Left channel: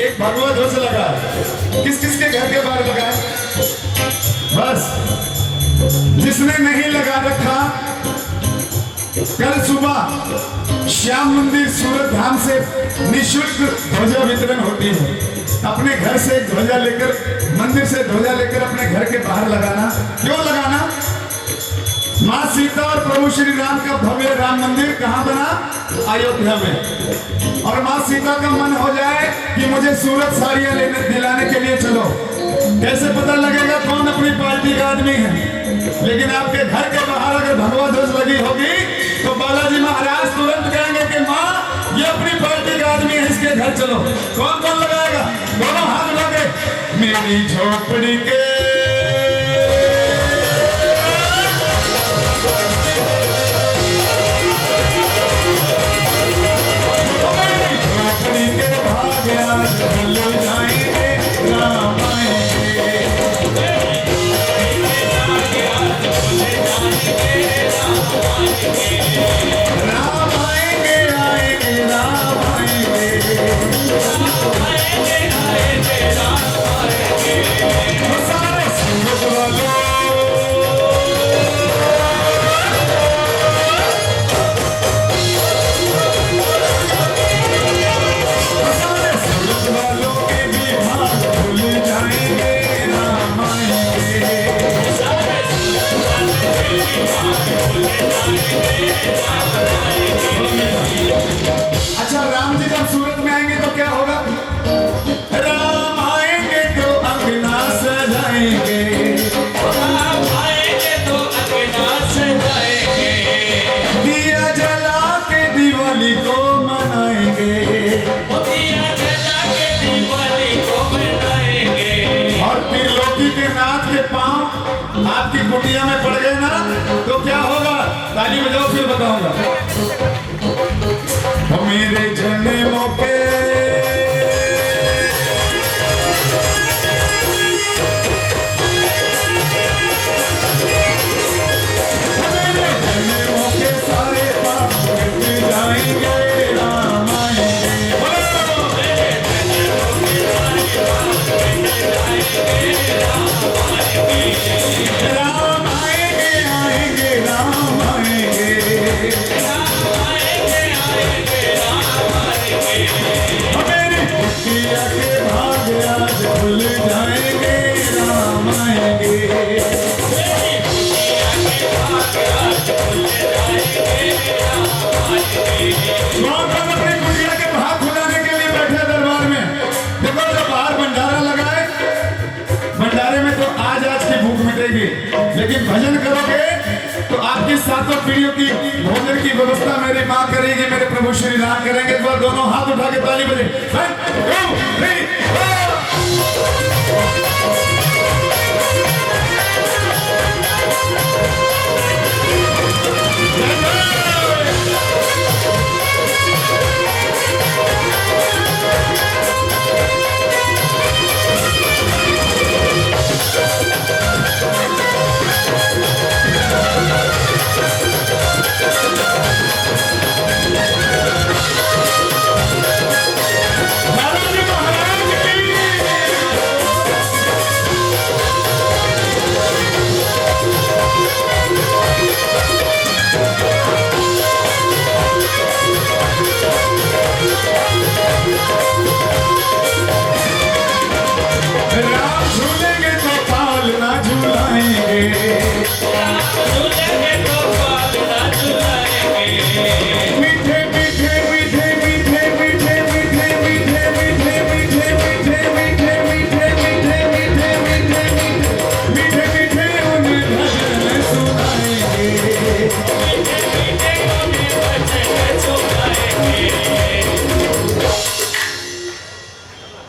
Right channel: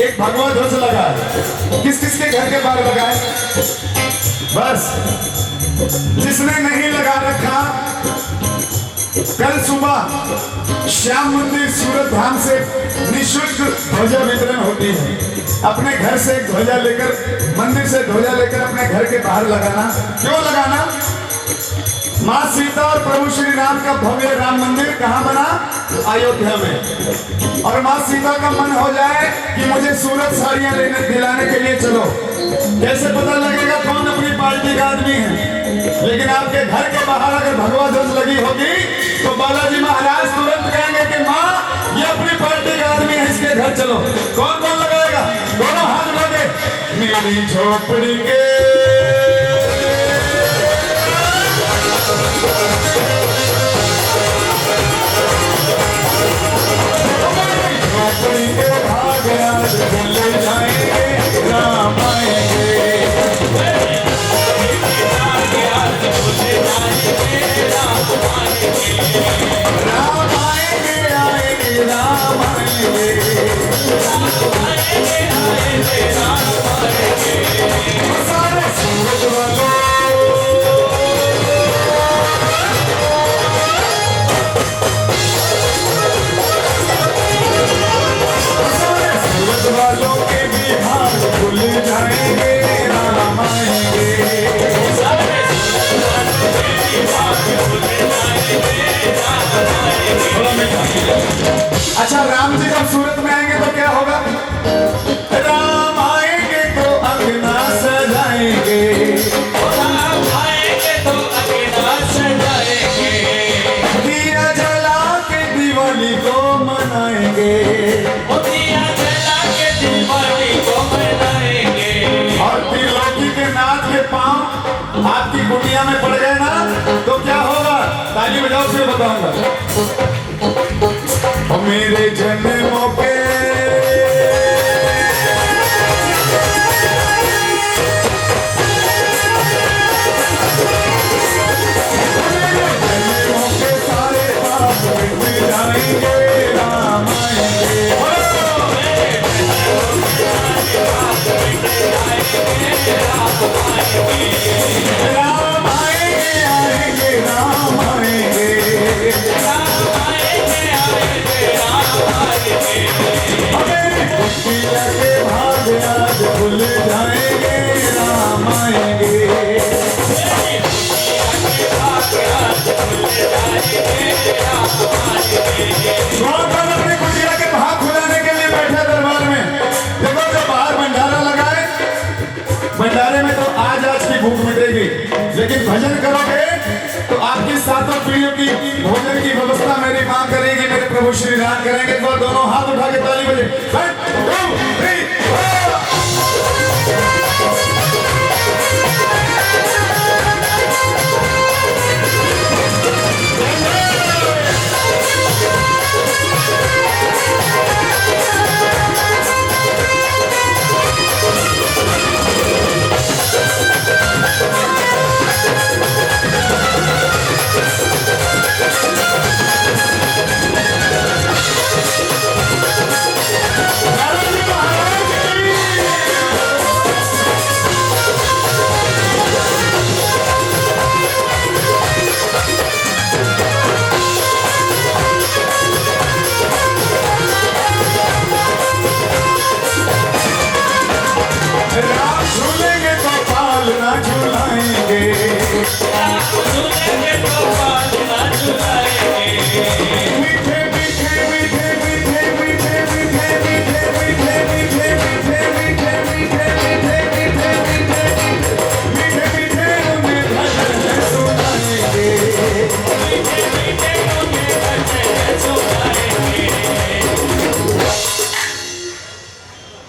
एक भगवा ध्वज लगा है। किस किस के घर के बाहर लगा है? बस जिसने नहीं लगा रखा, कल सुबह श्याम मंदिर सूरत धाम से निःशुल्क ध्वजा वितरण होती है। अपने घर से एक ध्वजा लेकर, मंदिर से ध्वजा लेकर अपने घर के बाहर लगाना। क्यों लगाना? माँ सीता और प्रभु श्री राम का भव्य राम मंदिर कहाँ बना? अयोध्या में। और माँ सीता का मन हो जाए कि मुझे सूरत साड़ियां लेने दिलाने के लिए चलो, कैसे पता लगेगा कौन अपनी पार्टी का आदमी है? लेकिन आपके घर के बाहर अगर भगवा ध्वज लगी होगी तो बालाजी महाराज तुरंत कहेंगे कि माँ ये अपनी पार्टी का आदमी है, इसके घर चलो। कौन कौन लगाएगा? दोनों हाथ लगे। मेरी झोपड़ी के भाग आज भूल जाएंगे, राम आएंगे। राम आएंगे, आएंगे, राम आएंगे। सारे सूरज वालों, सारे सूरज वालों के भी भाग भूल जाएंगे, राम आएंगे। अच्छा, राम जी जब सूरत में आएंगे तो क्या होगा? राम आएंगे तो अंगना सजाएंगे, राम आएंगे तो अंगना सजाएंगे, दिया जला के दिवाली को मनाएंगे, दिया जला के दिवाली को मनाएंगे। और त्रिलोकी के नाथ के पांव आपकी कुटिया में पड़ गए ना तो क्या होगा? ताली बजाओ, फिर बताऊंगा। मेरे जन्मों के सारे पाप मिट जाएंगे, राम आएंगे। राम आएंगे, आएंगे, राम आएंगे। मेरी कुटिया के भाग आज भूल जाएंगे, राम आएंगे। महाकाल अपनी कुटिया के भाग खुलाने के लिए बैठे दरबार में। देखो, जब बाहर भंडारा लगाए, भंडारे में तो आज की भूख मिटेगी, लेकिन भजन करोगे तो आपकी सातों पीढ़ियों की भोजन की व्यवस्था मेरी माँ करेगी, मेरे प्रभु श्री राम करेंगे। तो दोनों हाथ उठा के ताली बजे। 1 2 3 राम झूलेंगे तो पाल ना झूलाएंगे, मीठे मीठे मीठे मीठे मीठे मीठे मीठे मीठे मीठे मीठे मीठे मीठे मीठे मीठे मीठे मीठे उन्हें भजन सुनाएंगे।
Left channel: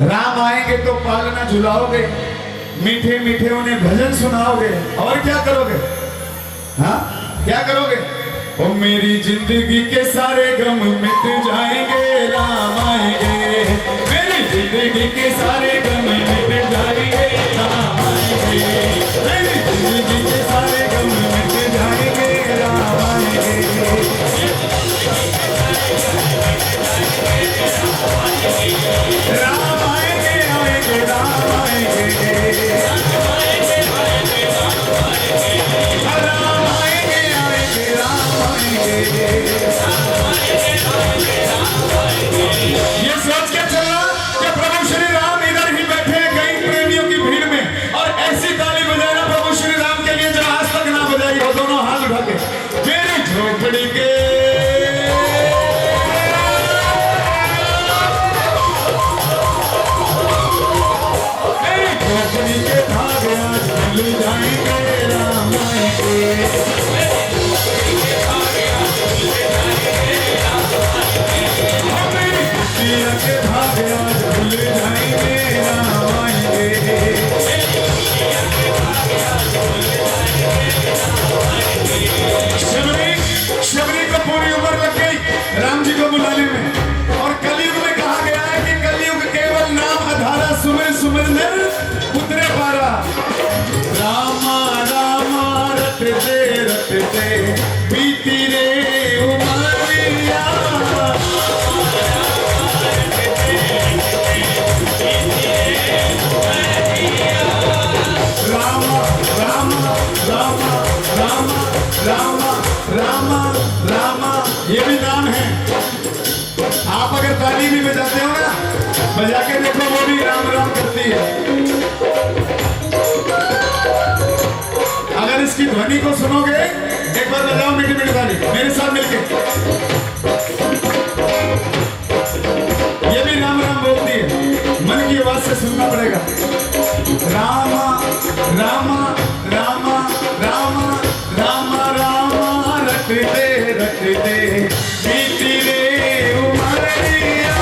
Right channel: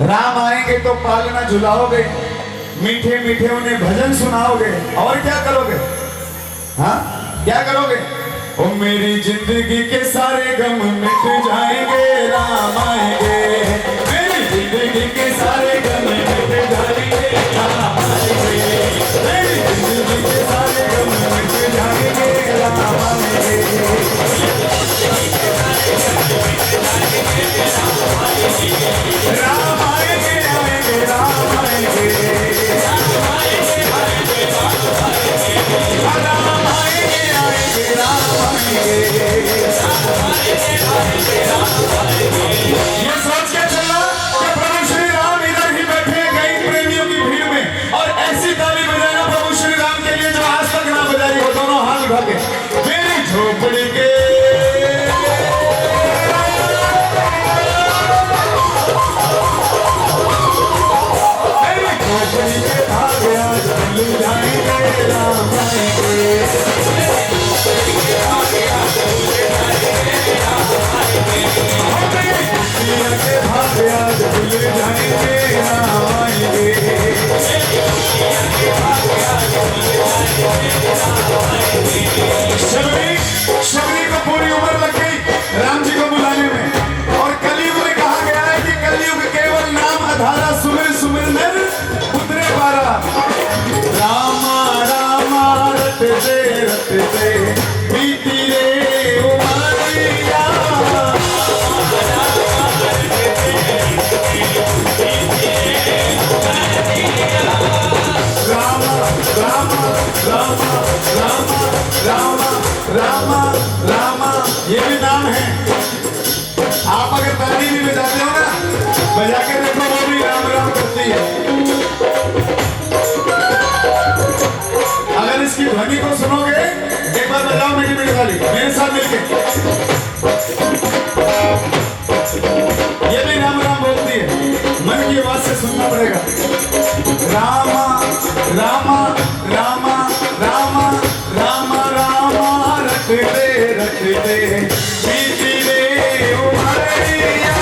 राम आएंगे तो पालना झुलाओगे, मीठे मीठे उन्हें भजन सुनाओगे, और क्या करोगे? हाँ, क्या करोगे? ओ मेरी जिंदगी के सारे गम मिट जाएंगे, राम आएंगे। मेरी जिंदगी के सारे गम मिट जाएंगे, राम आएंगे। मेरी जिंदगी के सारे गम मिट जाएंगे, राम आएंगे। राम आएंगे। रटते रटते बीती रे उमरिया। रामा रामा रामा रामा रामा रामा रामा, ये भी नाम है। आप अगर ताली भी बजाते हो ना, बजा के देखो, वो भी राम राम करती है। अगर इसकी ध्वनि को सुनोगे, एक बार बजाओ मीठी मीठी ताली मेरे साथ मिलके। ये भी राम राम बोलती है, मन की आवाज से सुनना पड़ेगा। रामा रामा रामा रामा रामा रामा रटते रटते बीती रे उमरिया।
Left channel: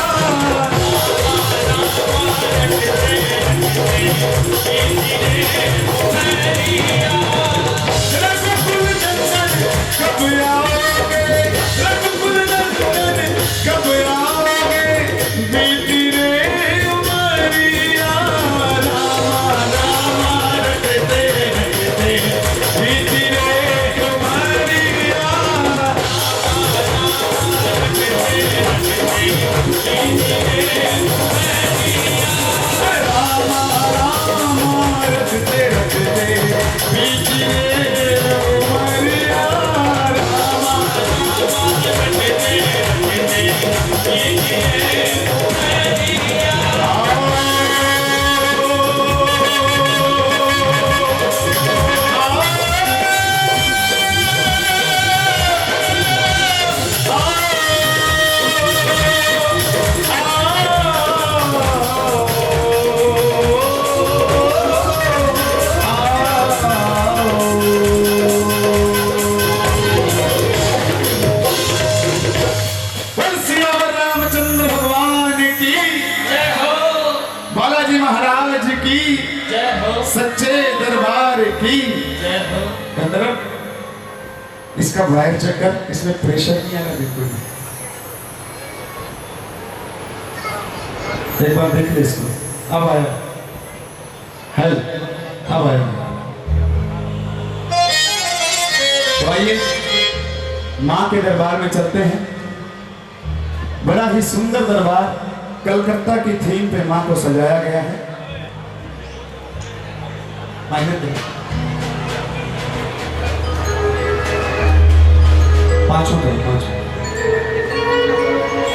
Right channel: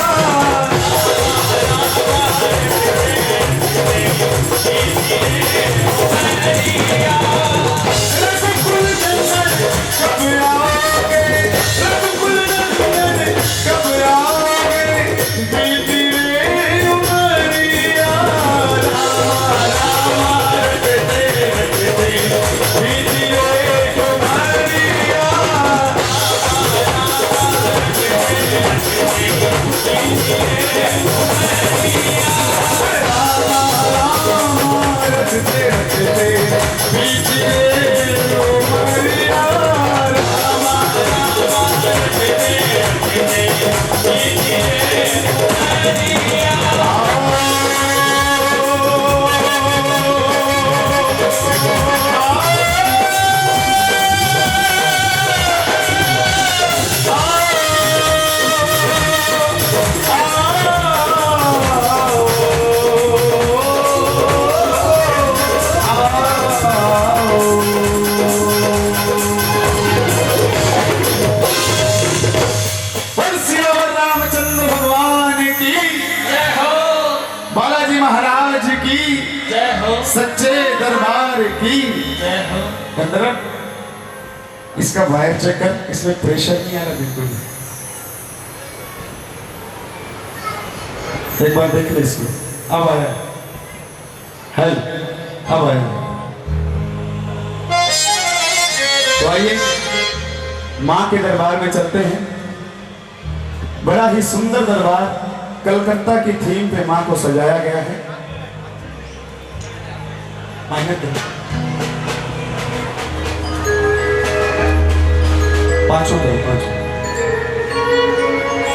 रघुकुल नंदन कब आओगे, रघुकुल नंदन कब आओगे, बीती रे उमरिया। रामा रामा रटते रटते बीती रे उमरिया। रामा रामा रटते रटते बीती रे उमरिया। रामा श्री रामचंद्र भगवान की जय हो, बालाजी महाराज की जय हो, सच्चे दरबार की जय हो। गंधर्व, इसका वायर चेक कर, इसमें प्रेशर नहीं आ रहा बिल्कुल भी। एक बार देख ले इसको, अब आया हेल, अब आया। तो आइए माँ के दरबार में चलते हैं। बड़ा ही सुंदर दरबार, कलकत्ता की थीम पे माँ को सजाया गया है। पांचों के पांचों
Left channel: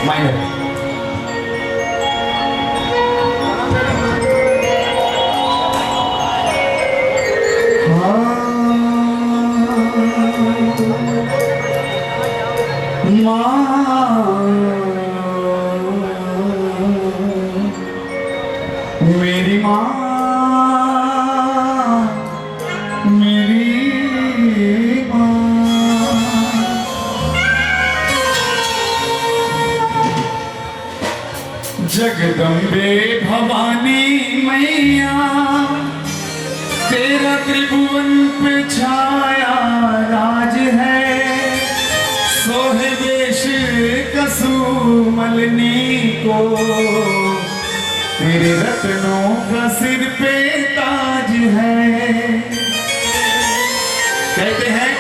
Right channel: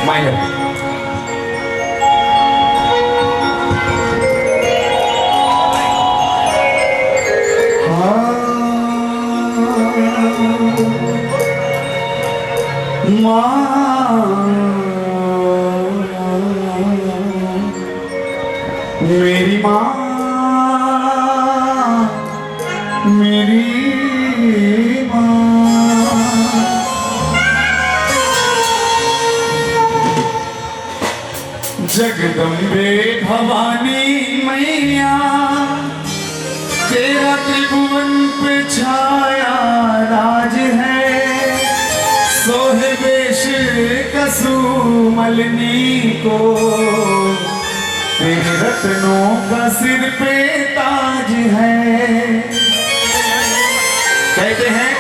माइनर। मेरी माँ, मेरी माँ, जगदम्बे भवानी मैया, तेरा त्रिभुवन पे छाया राज है। सोहे वेश कसुमलनी को, तेरे रत्नों का सिर पे ताज है। कहते हैं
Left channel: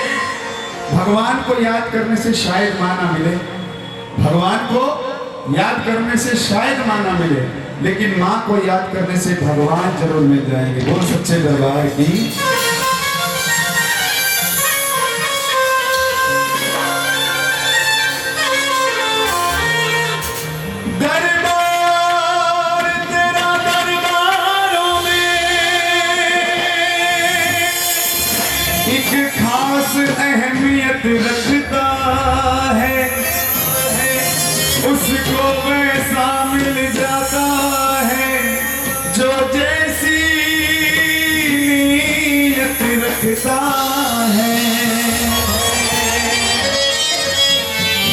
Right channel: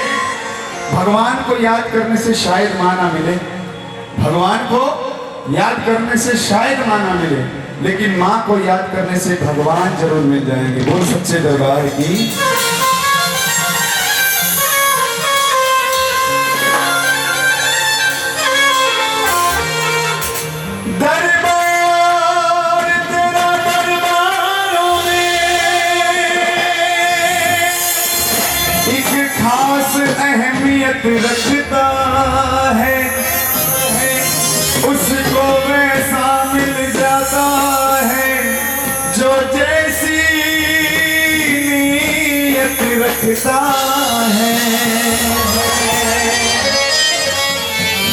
भगवान को याद करने से शायद मां ना मिले, भगवान को याद करने से शायद मां ना मिले, लेकिन मां को याद करने से भगवान जरूर मिल जाएंगे। बोल सच्चे दरबार की। दरबार तेरा दरबारों में एक खास अहमियत रखता है। उसको वैसा मिल जाता है जो जैसी नीयत रखता है।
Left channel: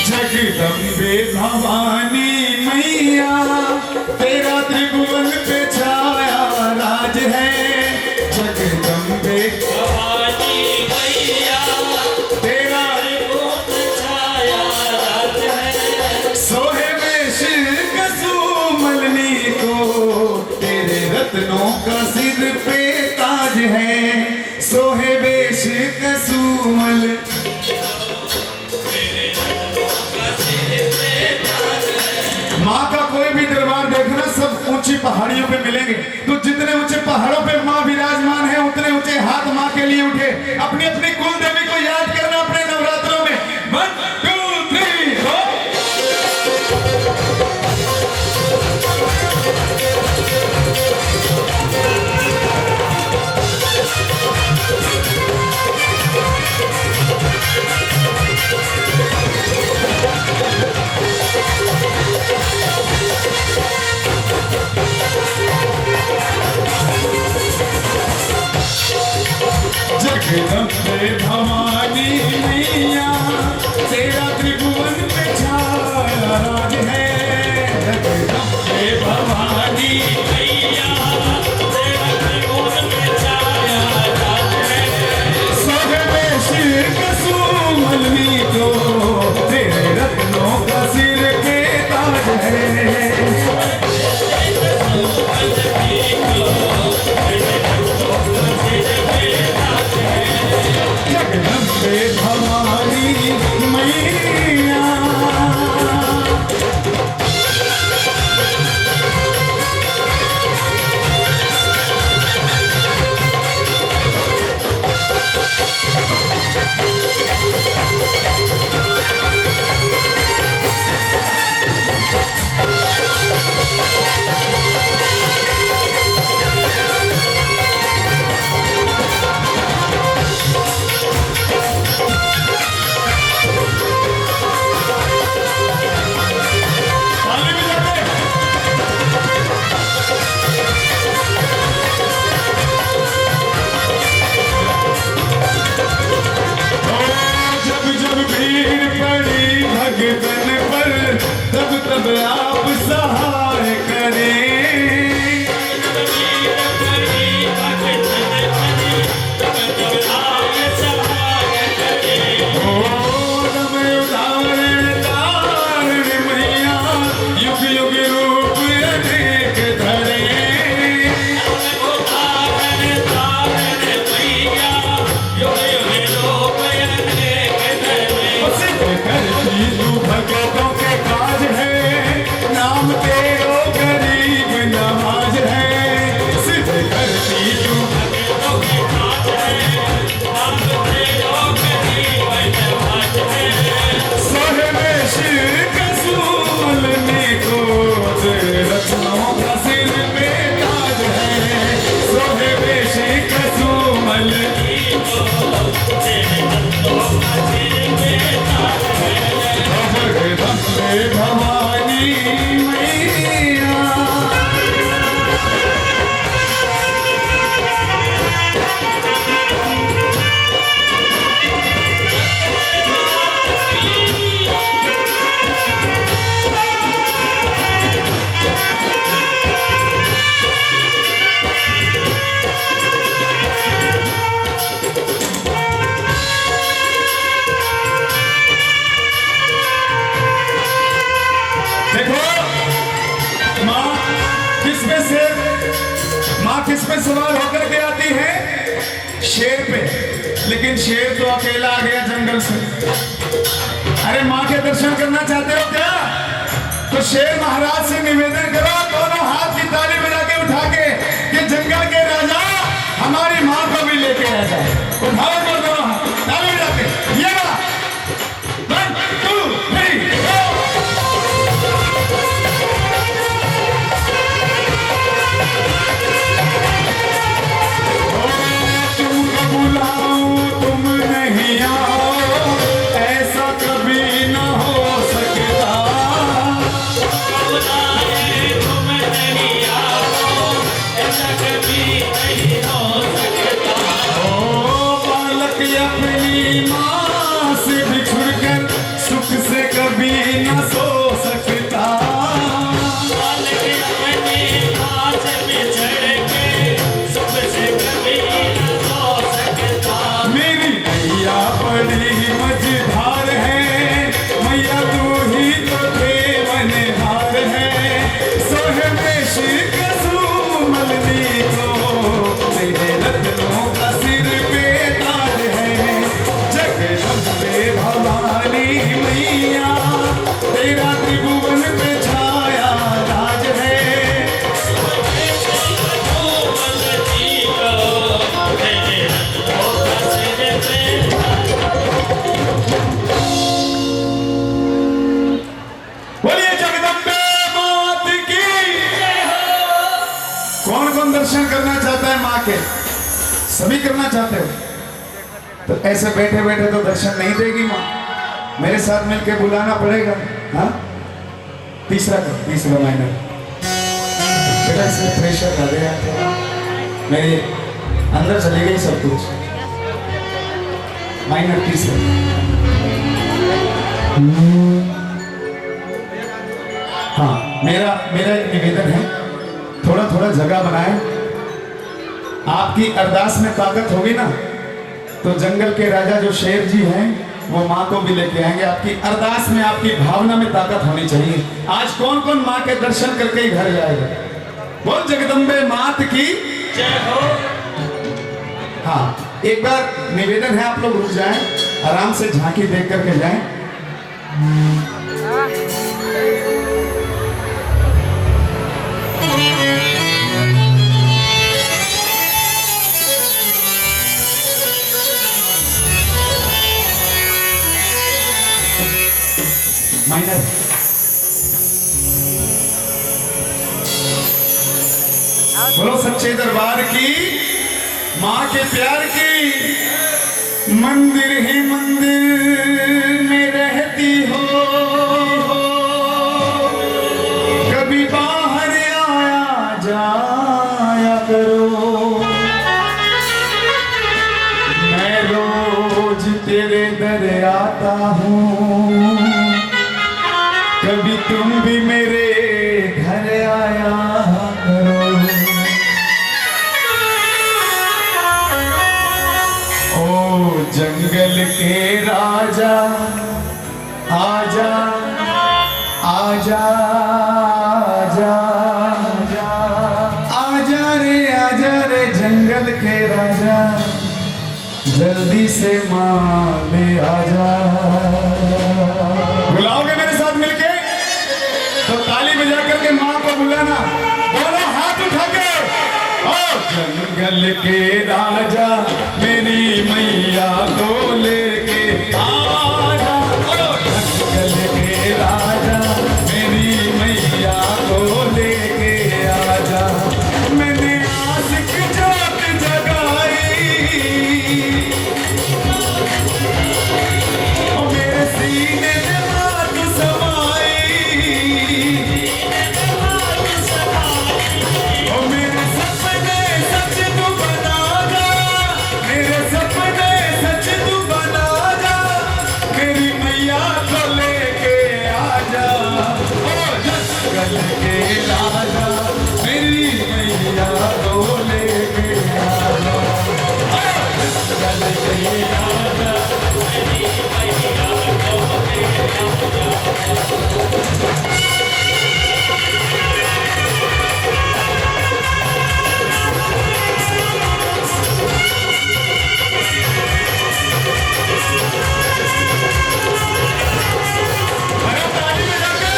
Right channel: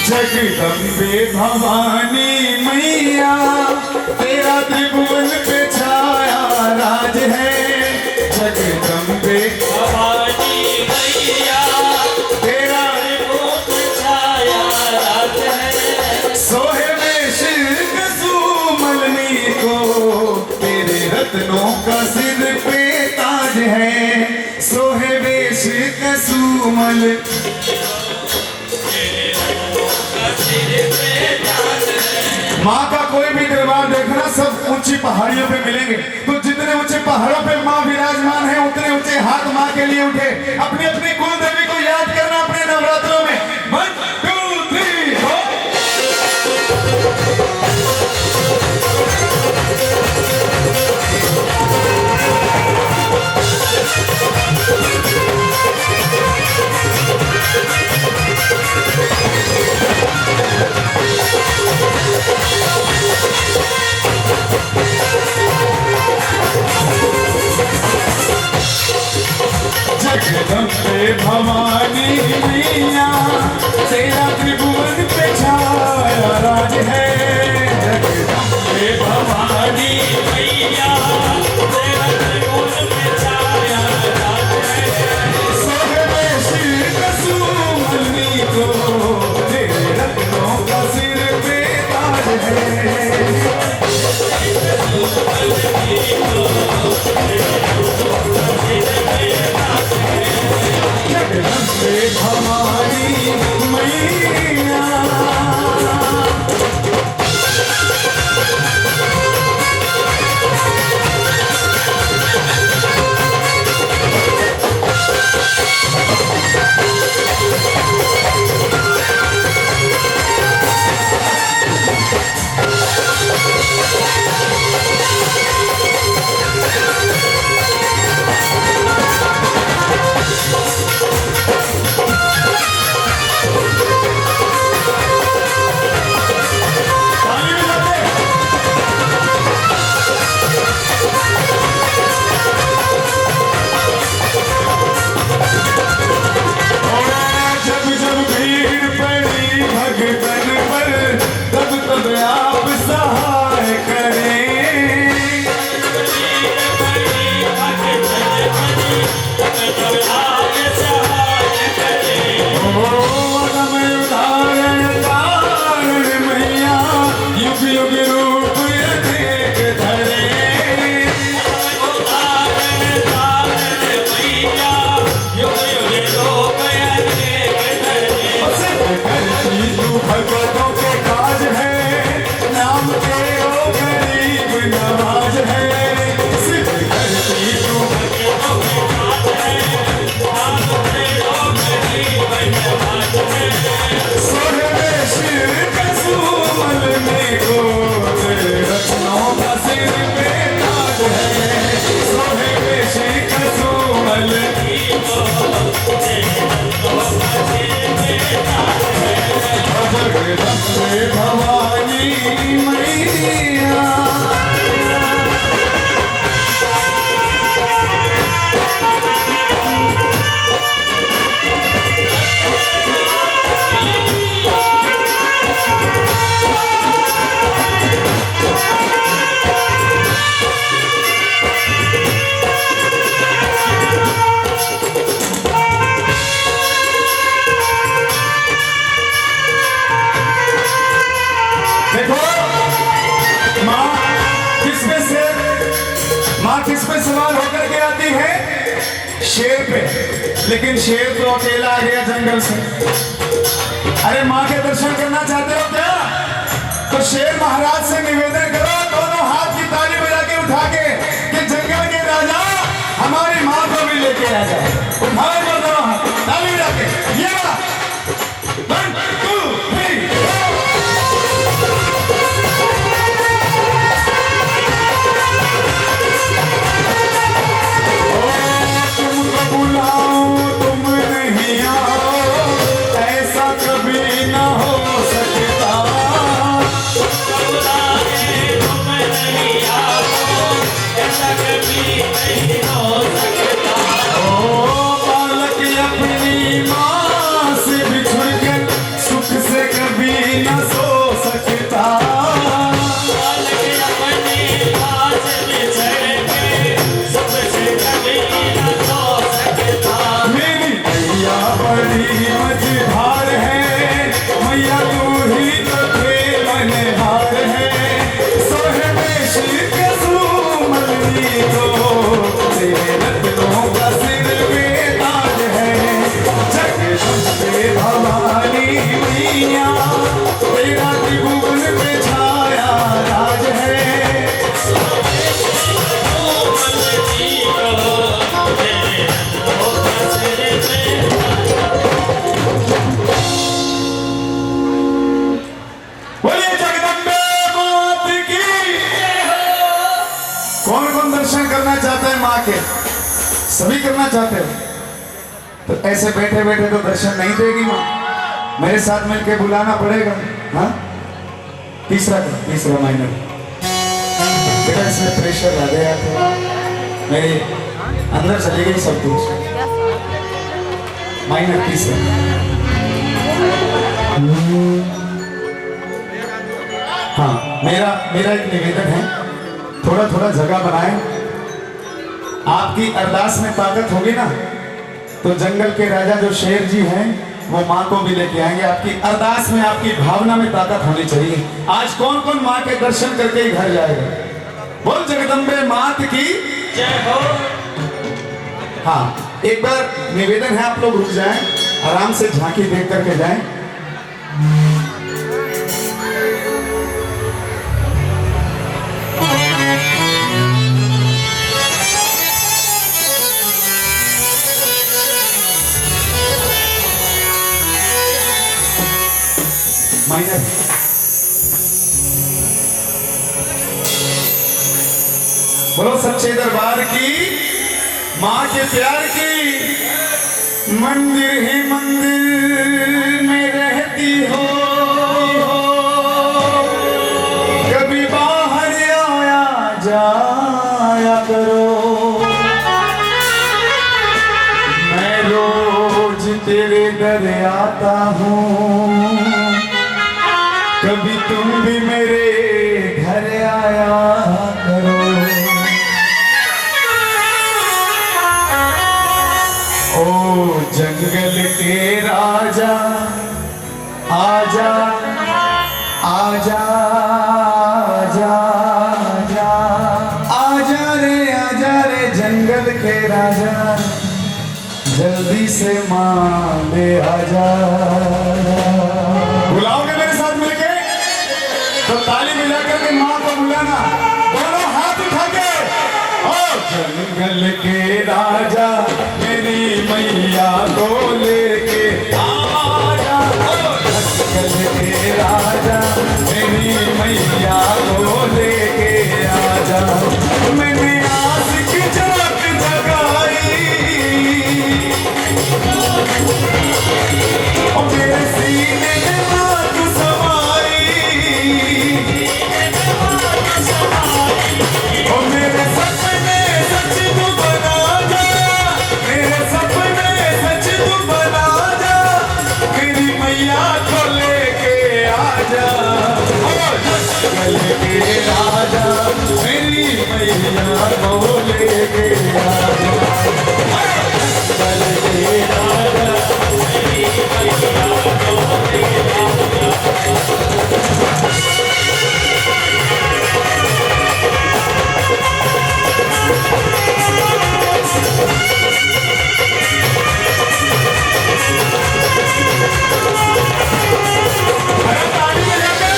जगदम्बे भवानी मैया, तेरा त्रिभुवन पे छाया राज है। जगदम्बे भवानी मैया, तेरा त्रिभुवन पे छाया राज है। सोहे वेश कसुमलनी को, तेरे रत्नों का सिर पे ताज है। सोहे वेश कसुमल। माँ का कोई भी दरबार देखना सब ऊंची पहाड़ियों पे मिलेंगे। तो जितने ऊंचे पहाड़ों पे माँ विराजमान है उतने ऊंचे हाथ माँ के लिए उठे। अपनी अपनी कुल देवी को याद करना अपने नवरात्रों में। 1 2 3 हो। जगदम्बे भवानी मैया तेरा त्रिभुवन पे छाया राज है। जगदम्बे भवानी मैया तेरा त्रिभुवन पे छाया राज है। सोहरे सिर कसुमलनी को तेरे रत्नों का सिर पे ताज है। जगदम्बे भवानी मैया। जब जब भीड़ पड़ी भगतन पर तब तब आप सहाय करें। उदाहरण कारण मैया युग युग रूप अनेक धरे। करती तू भगतों के काज है नाम तेरो गरीब नवाज है। सिद्ध करती तू भगतों के काज है नाम तेरो गरीब नवाज है। सोहरे सिर कसुमल में को तेरे रत्नों का सिर पे ताज है। सोहरे सिर कसुमल जगदम्बे भवानी मैया। देखो माँ किस पे सवार होकर के आती है? शेर पे। लेकिन शेर तो अकेला आ गया जंगल से। अरे माँ के दर्शन करना चाहते हो क्या? तो शेर महाराज से निवेदन करो दोनों हाथ की ताली बजा के उठा के कि जंगल के राजा हमारी माँ को भी लेके आ जाए। उठाओ दोनों हाथ ताली बजा के। ये 1 2 3 बुलाओ तुम नहीं आओ ऐसा कभी न हो सकता। तुम नहीं आओ ऐसा कभी नहीं हो सकता। ओ बालक सभी करना चाहते हो तो ऐसे बैठे बैठे तो दर्शन नहीं देगी माँ, मेरे साथ मिलके बुलाना पड़ेगा। हाँ, तीसरा माइनर बेटा, इसमें प्रेशर आ गया तो मेरे अंदर चली गई सब कुछ। माइनर तीसरा। हाँ, मेरा एक निवेदन है, थोड़ा थोड़ा जगह बनाए। आपकी अरदास में ताकत होगी ना तो जंगल के राजा जो शेर जी हैं वो माँ को भी लेके आएंगे। आपकी अरदास में, आपकी भावना में ताकत होनी चाहिए। आज कौन कौन माँ के दर्शन करके ही घर जाएगा? बोल जगदम्बे मात की जय हो। हाँ, एक बार निवेदन है, आप लोग रुक जाएं, आराम से झांकी देख करके जाएं। माइनर बोलो सच्चे दरबार की, माँ के प्यार की। मंदिर ही मंदिर में रहती हो, कभी बाहर आया जाया करो। मैं रोज तेरे दर आता हूँ, कभी तुम भी मेरे घर आया करो। ओ जंगल के राजा आजा आजा आजा आजा आजा रे जंगल के राजा, जल्दी से माँ ले आजा। बुलाओगे मेरे साथ मिलके तो ताली बजा करके माँ को बुलाना, दोनों हाथ उठा के। ओ जंगल के राजा मेरी मैया को लेके आजा, जंगल के राजा मेरी मैया को लेके आजा। मैंने आस की जोत जगाई, और मेरे सीने में बात समाई, और मेरे सपने सच तू बना जा, मेरे सपने सच तू बना जा, मेरी मैया को लेके आजा। जंगल के राजा मेरी मैया को लेके आजा, जंगल के राजा मेरी मैया को लेके अरे ताली बजा के।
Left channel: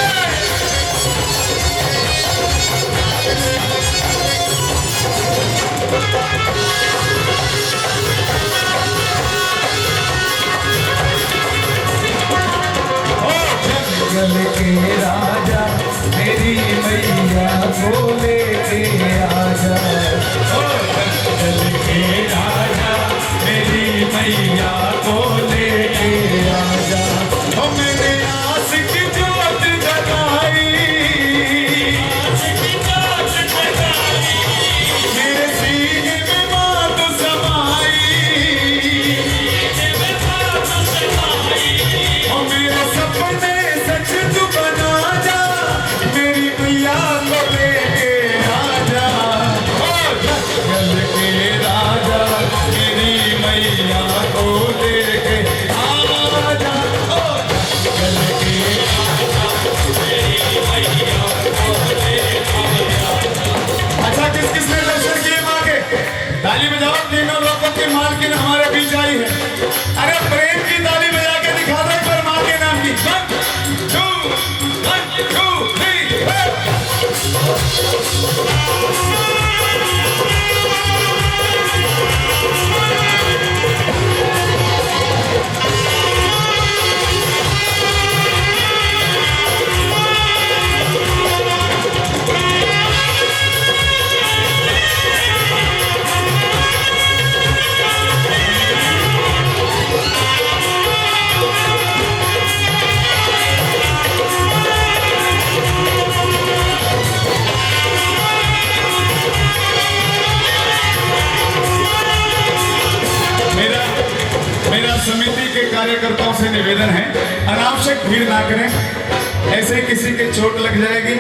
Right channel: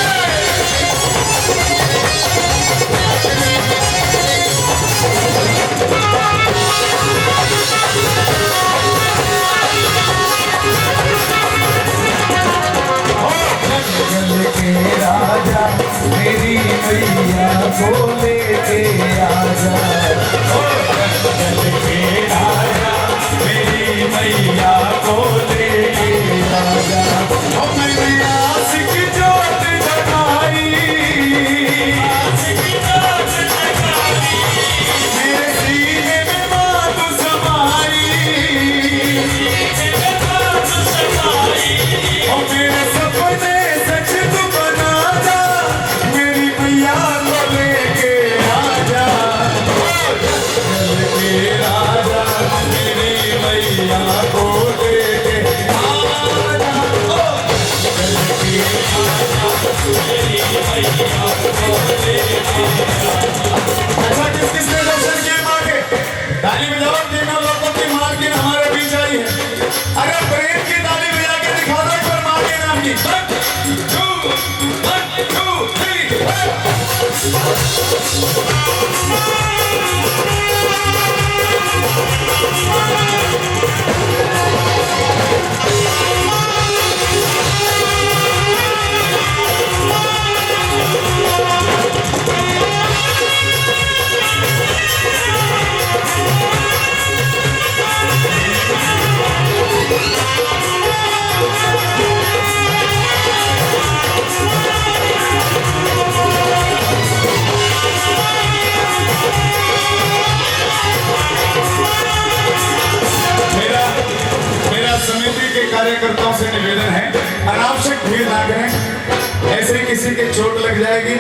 जंगल के राजा मेरी मैया को लेके आजा, ओ जंगल के राजा मेरी मैया को लेके आजा। ओ मैंने आस की जोत जगाई, मेरे सीने में बात समाई, और मेरे सपने सच तू बना जा, मेरी मैया को लेके आजा। ओ जंगल के राजा मेरी मैया को लेके आजा, ओ जंगल के राजा मेरी मैया को लेके आजा। अच्छा, किस किसने दर्शन किए माँ के? ताली बजाओ, तीनों लोगों की मालकिन हमारे बीच आई है। अगर प्रेम की ताली बजा के दिखा दो पर माँ के नाम की। 1 2 3 मेरा समिति के कार्यकर्ताओं से निवेदन है, अनावश्यक भीड़ ना करें, ऐसे किसी के चोट लग जाएगी।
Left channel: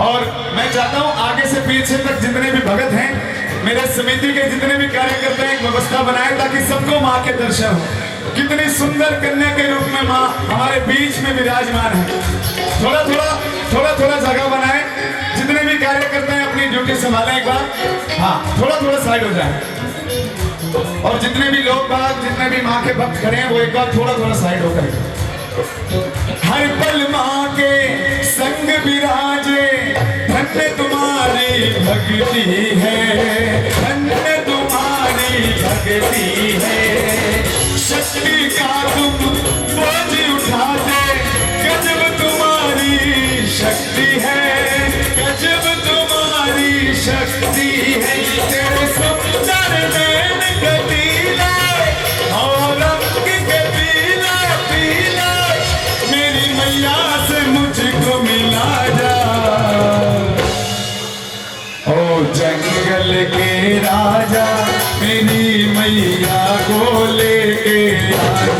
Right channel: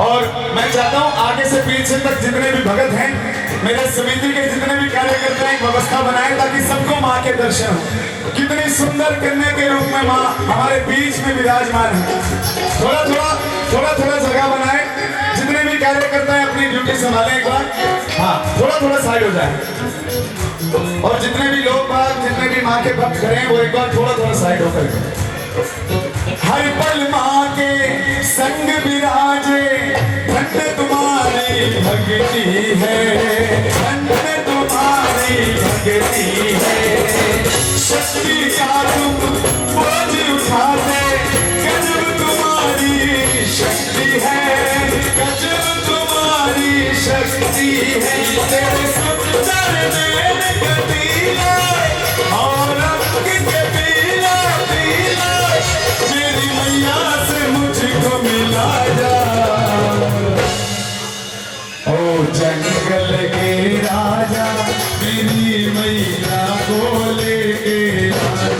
और मैं चाहता हूं आगे से पीछे तक जितने भी भगत हैं, मेरे समिति के जितने भी कार्यकर्ता हैं, एक व्यवस्था बनाए ताकि सबको माँ के दर्शन हो। कितनी सुंदर कन्या के रूप में माँ हमारे बीच में विराजमान है। थोड़ा थोड़ा जगह बनाए, जितने भी कार्यकर्ता हैं अपनी ड्यूटी संभालें एक बार। हाँ, थोड़ा साइड हो जाए। और जितने भी लोग बाग, जितने भी माँ के भक्त खड़े हैं, वो एक बार थोड़ा साइड होकर हर पल माँ के संग विराजे, धन्य तुम्हारी भक्ति है, धन्य तुम्हारी भक्ति है। शक्ति का तुम बोझ उठाते, गजब तुम्हारी शक्ति है, गजब तुम्हारी शक्ति है। तेरे सब चरण गति और रंग के पीला पीला, मेरी मैया से मुझको मिला जा। ओ जंगल के राजा, मेरी मैया को लेके आजा।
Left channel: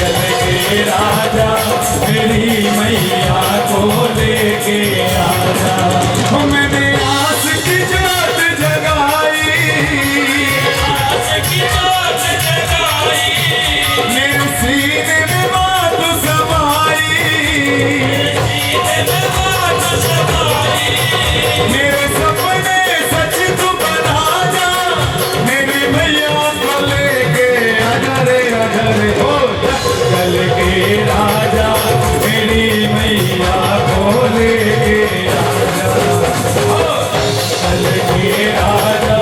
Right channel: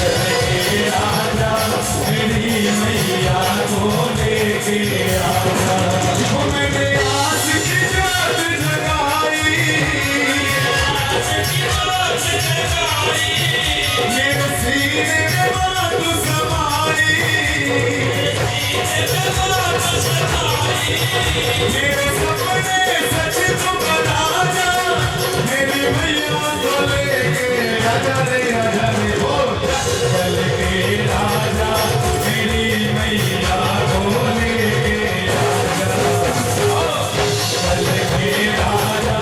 जंगल के राजा, मेरी मैया को लेके आजा। मैंने आस की जोत जगाई, मेरे सीने में बात समाई, मेरे सपने सच तू बना जा, मेरी मैया को लेके आजा रे हो। जंगल के राजा, मेरी मैया को लेके आजा। जंगल के राजा,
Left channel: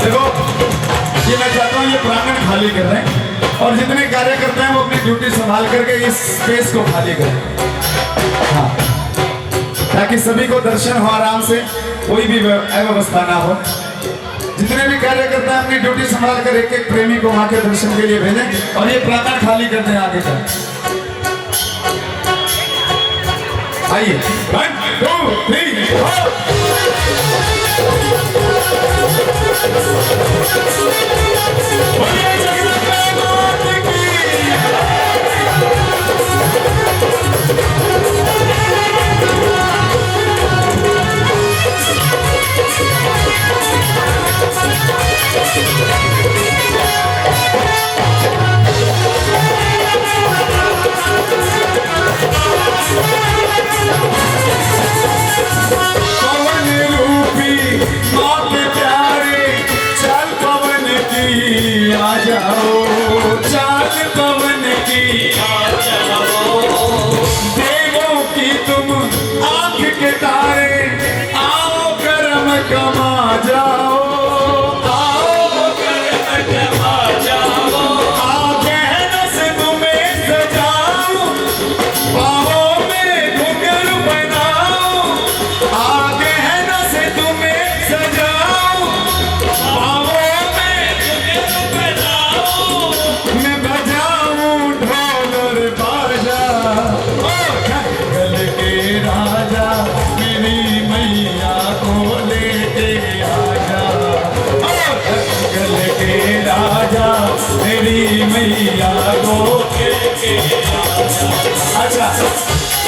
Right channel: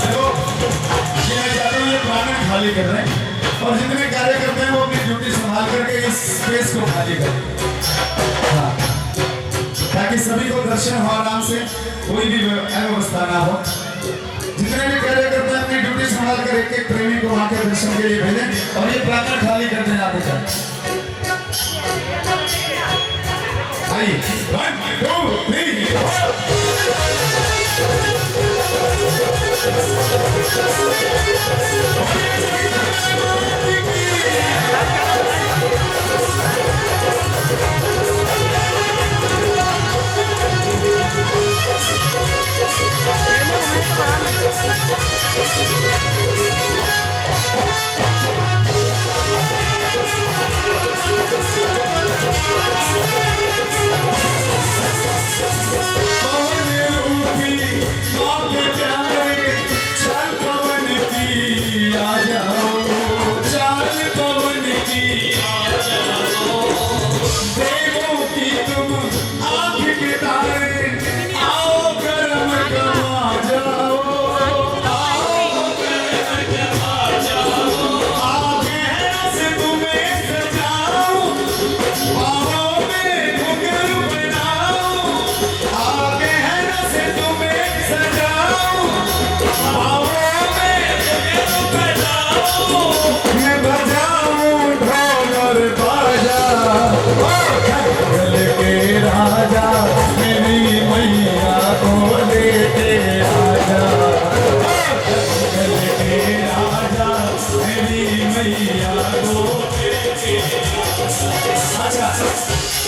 देखो ये मैं चाहता हूँ ये प्रांगण खाली कर रहे हैं, और जितने कार्यकर्ता हैं वो अपनी ड्यूटी संभाल करके इस स्पेस को खाली करें। हाँ, ताकि सभी को दर्शन हो आराम से, कोई भी अव्यवस्था ना हो। जितने भी कार्यकर्ता हैं अपनी ड्यूटी संभाल कर एक एक प्रेमी को वहां के दर्शन के लिए भेजें, और ये प्रांगण खाली करने आगे जाए। आइए 1 2 3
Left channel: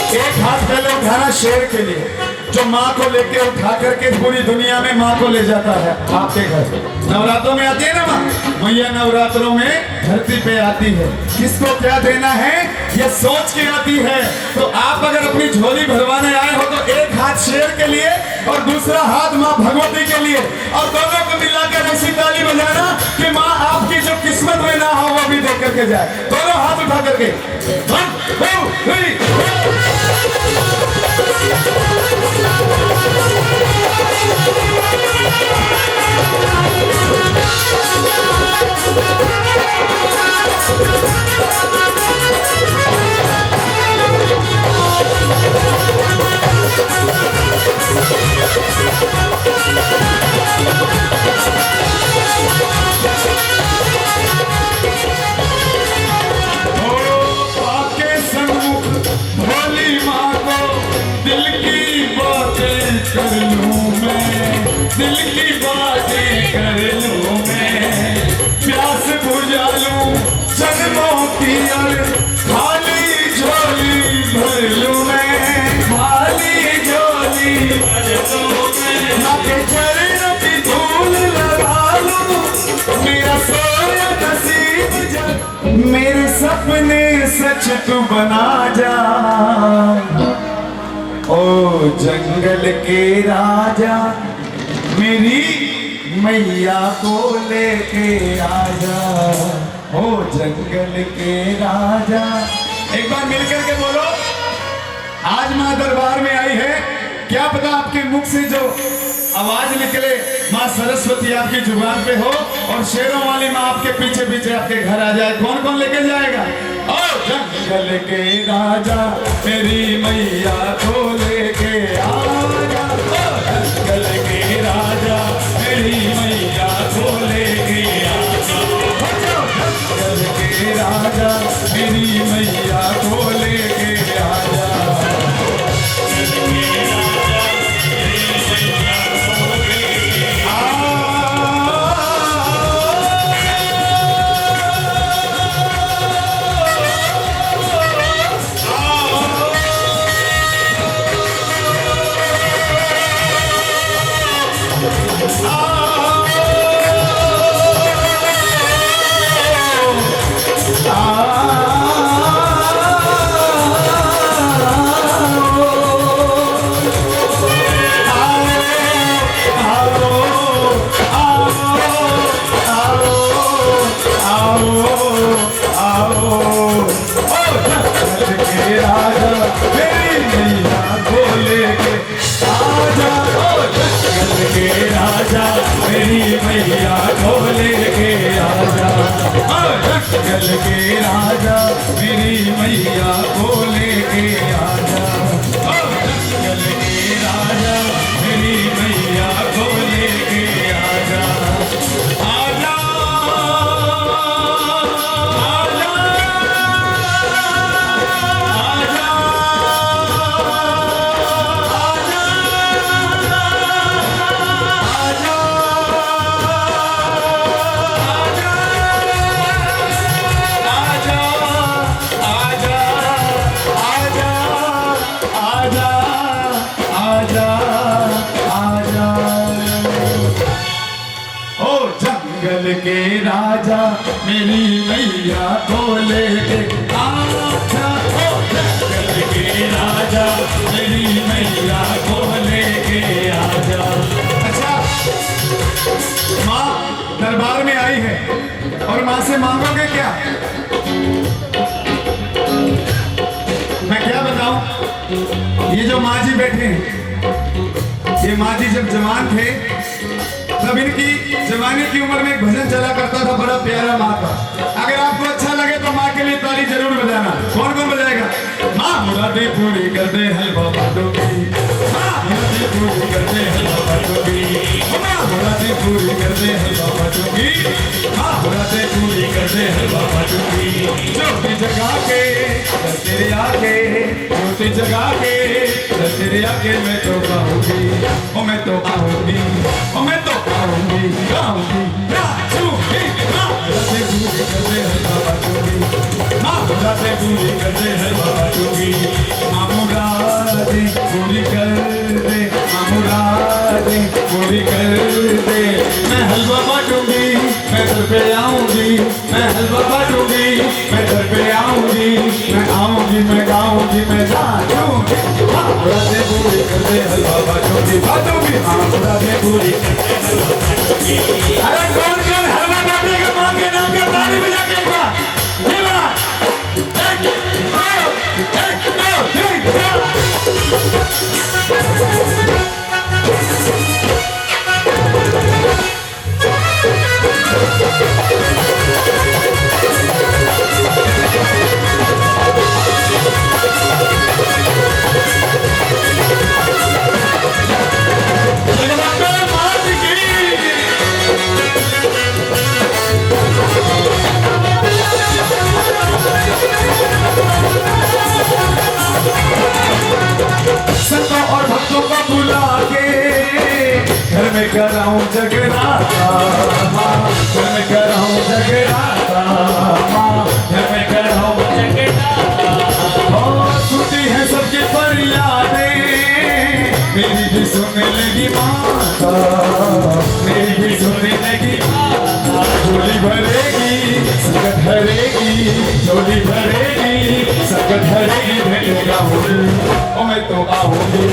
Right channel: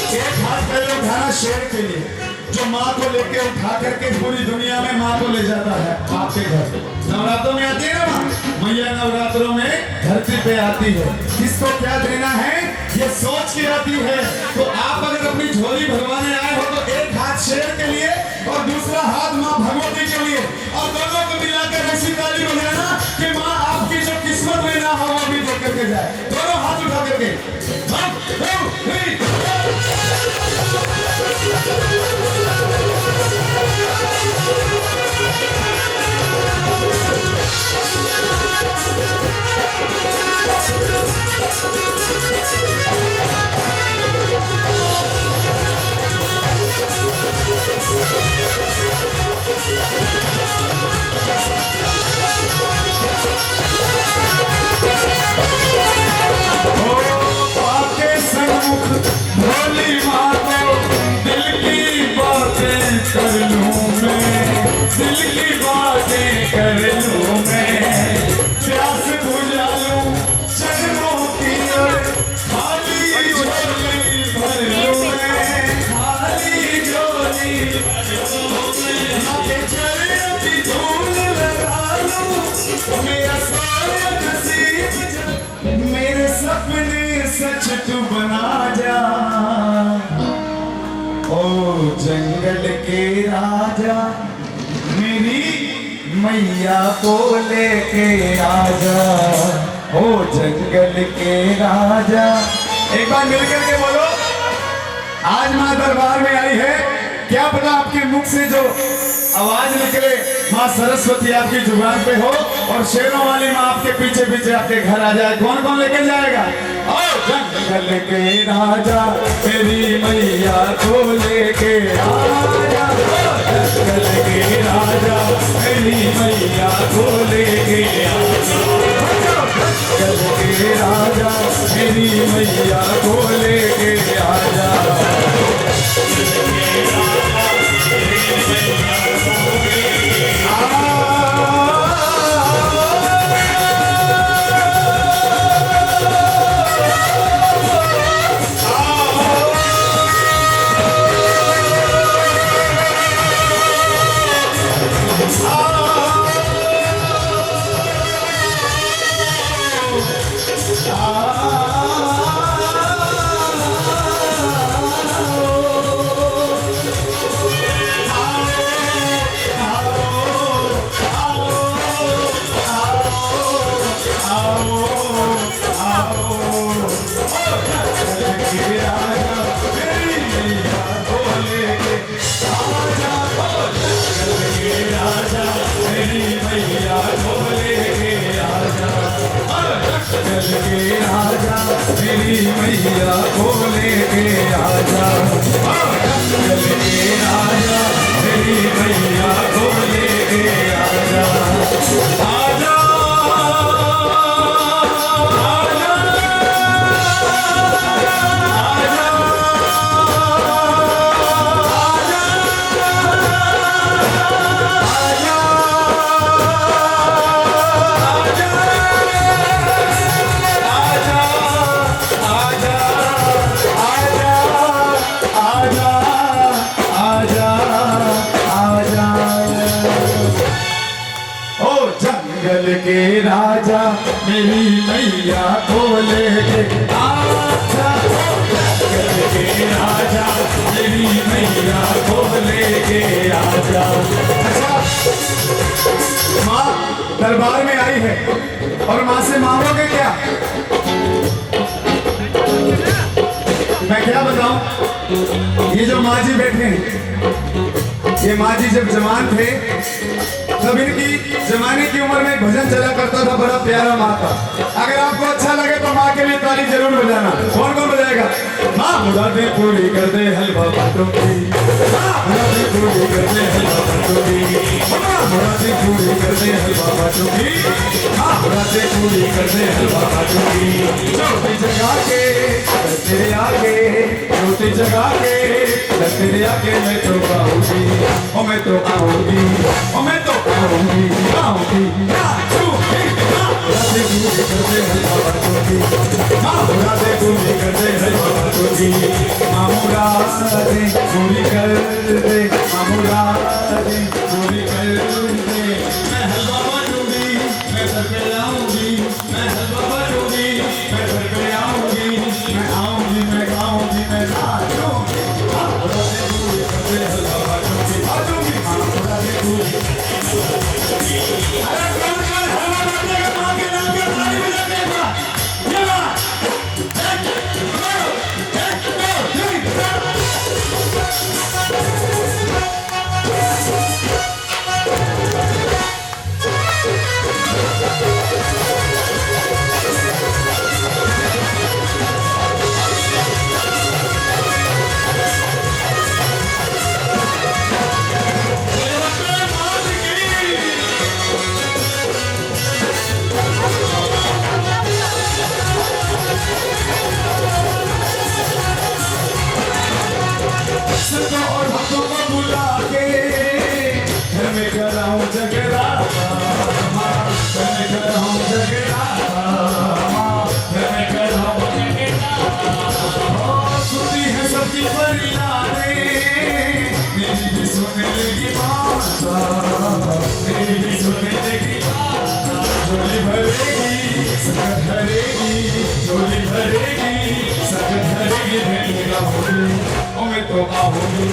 एक हाथ पहले उठाना शेर के लिए, जो माँ को लेके उठा करके पूरी दुनिया में माँ को ले जाता है आपके घर। नवरात्रों में आती है ना माँ, मैया नवरात्रों में धरती पे आती है। किसको क्या देना है ये सोच के आती है। तो आप अगर अपनी झोली भरवाने आए हो तो एक हाथ शेर के लिए और दूसरा हाथ माँ भगवती के लिए, और दोनों को मिलाकर ऐसी ताली बजाना कि माँ आपकी जो किस्मत में ना हो वो भी देख करके जाए। दोनों हाथ उठा करके 1 2 3 पाके सन्मुख दिल की बातें कर लूं मैं, प्यास बुझा लूं चरणों की और खाली झोली भर लूं मैं, खाली झोली भर लूं मैं, आगे चरणों की धूल लगा लूं, मेरा सोया नसीब जब मेरे सपने सच तू बना जा। ओ जंगल के राजा मेरी मैया को लेके आजा, ओ जंगल के राजा। एक बार मिलकर के बोलो, आज माँ दरबार में आई है, क्या पता आपके मुख से जो आवाज निकले माँ सरस्वती आपकी जुबान पे हो और शेरों वाली माँ आपके पीछे पीछे आपके घर आ जाए। कौन कौन लेकर जाएगा? ओ जंगल के राजा मेरी मैया को लेके आजा, ओ जंगल के राजा मेरी मैया को लेके आजा, जंगल के राजा मेरी मैया को लेके आजा। जंगल के राजा मेरी मैया को लेके आजा, जंगल के राजा मेरी मैया को लेके आजा। अच्छा, माँ दरबार में आई है और माँ से मांगोगे क्या? मैं क्या बताऊं? ये जो माँ जी बैठे हैं, ये माँ जी जब जवान थे तब इनकी जमाने की उम्र में एक भजन चला करता था बड़ा प्यारा माँ का। अगर आपको अच्छा लगे तो माँ के लिए ताली जरूर बजाना। कौन कौन बजाएगा? माँ मुरादें पूरी कर दे हलवा बातों की, माँ मुरादें पूरी कर दे हलवा बातों की, माँ मुरादें पूरी कर दे हलवा बातों की, माँ मुरादें पूरी कर दे हलवा बातों की। रोटी जगा के तेरे आगे, रोटी जगा के तेरे आगे मैं तो गाऊंगी, ओ मैं तो आऊंगी, ओ मैं तो आऊंगी, आऊंगी नाचूंगी। माँ मुरादें पूरी कर दे हलवा बातों की, माँ मुरादें पूरी कर दे हलवा बातों की, माँ मुरादें पूरी कर दे, माँ मुरादें पूरी कर दे। मैं हलवा बांटूंगी, मैं घर पे आऊंगी, मैं हलवा बांटूंगी, मैं घर पे आऊंगी, मैं आऊंगी, मैं गाऊंगी, मैं नाचूंगी। माँ मुरादें पूरी कर दे हलवा बांटूंगी, बांटूंगी, माँ मुरादें पूरी। अरे कौन कौन हलवा बांटेगा माँ के नाम पे? ताली बजा के एक बार, ये बार। एक, दो, तीन, चार। कराऊं जगराता माँ, घर में कराऊं जगराता माँ, घर में कराऊं जगराता। सुनती है सबकी फरियादें, मेरी भी सुनने लगी माता, मेरी भी सुनने लगी माता। झोली भरेगी सकत भरेगी, झोली भरेगी सकत भरेगी, भेंट गाऊंगी ओ मैं तो आऊंगी,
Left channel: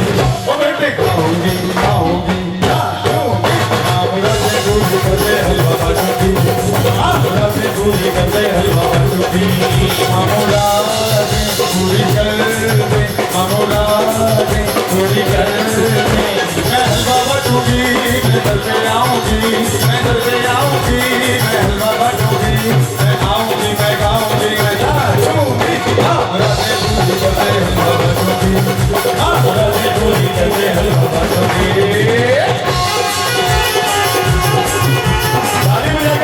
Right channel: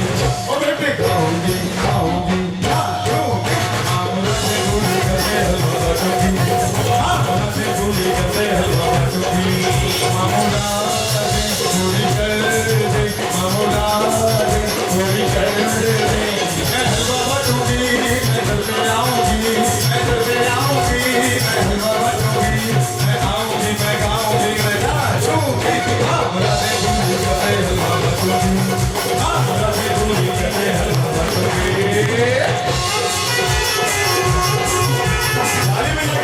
ओ मैं पे गाऊंगी गाऊंगी गाऊंगी। आमरा से गोली करते हलवा बाटूंगी, आमरा से गोली करते हलवा बाटूंगी। आमरा से गोली कर दे, आमरा से गोली कर दे, मैं हलवा बाटूंगी, मैं घर पे आऊंगी, मैं घर पे आऊंगी, मैं हलवा बाटूंगी, मैं आऊंगी, मैं गाऊंगी, मैं नाचूंगी। आमरा से गोली करते हलवा बाटूंगी, आमरा से गोली करते हलवा बाटूंगी। ताली बजा के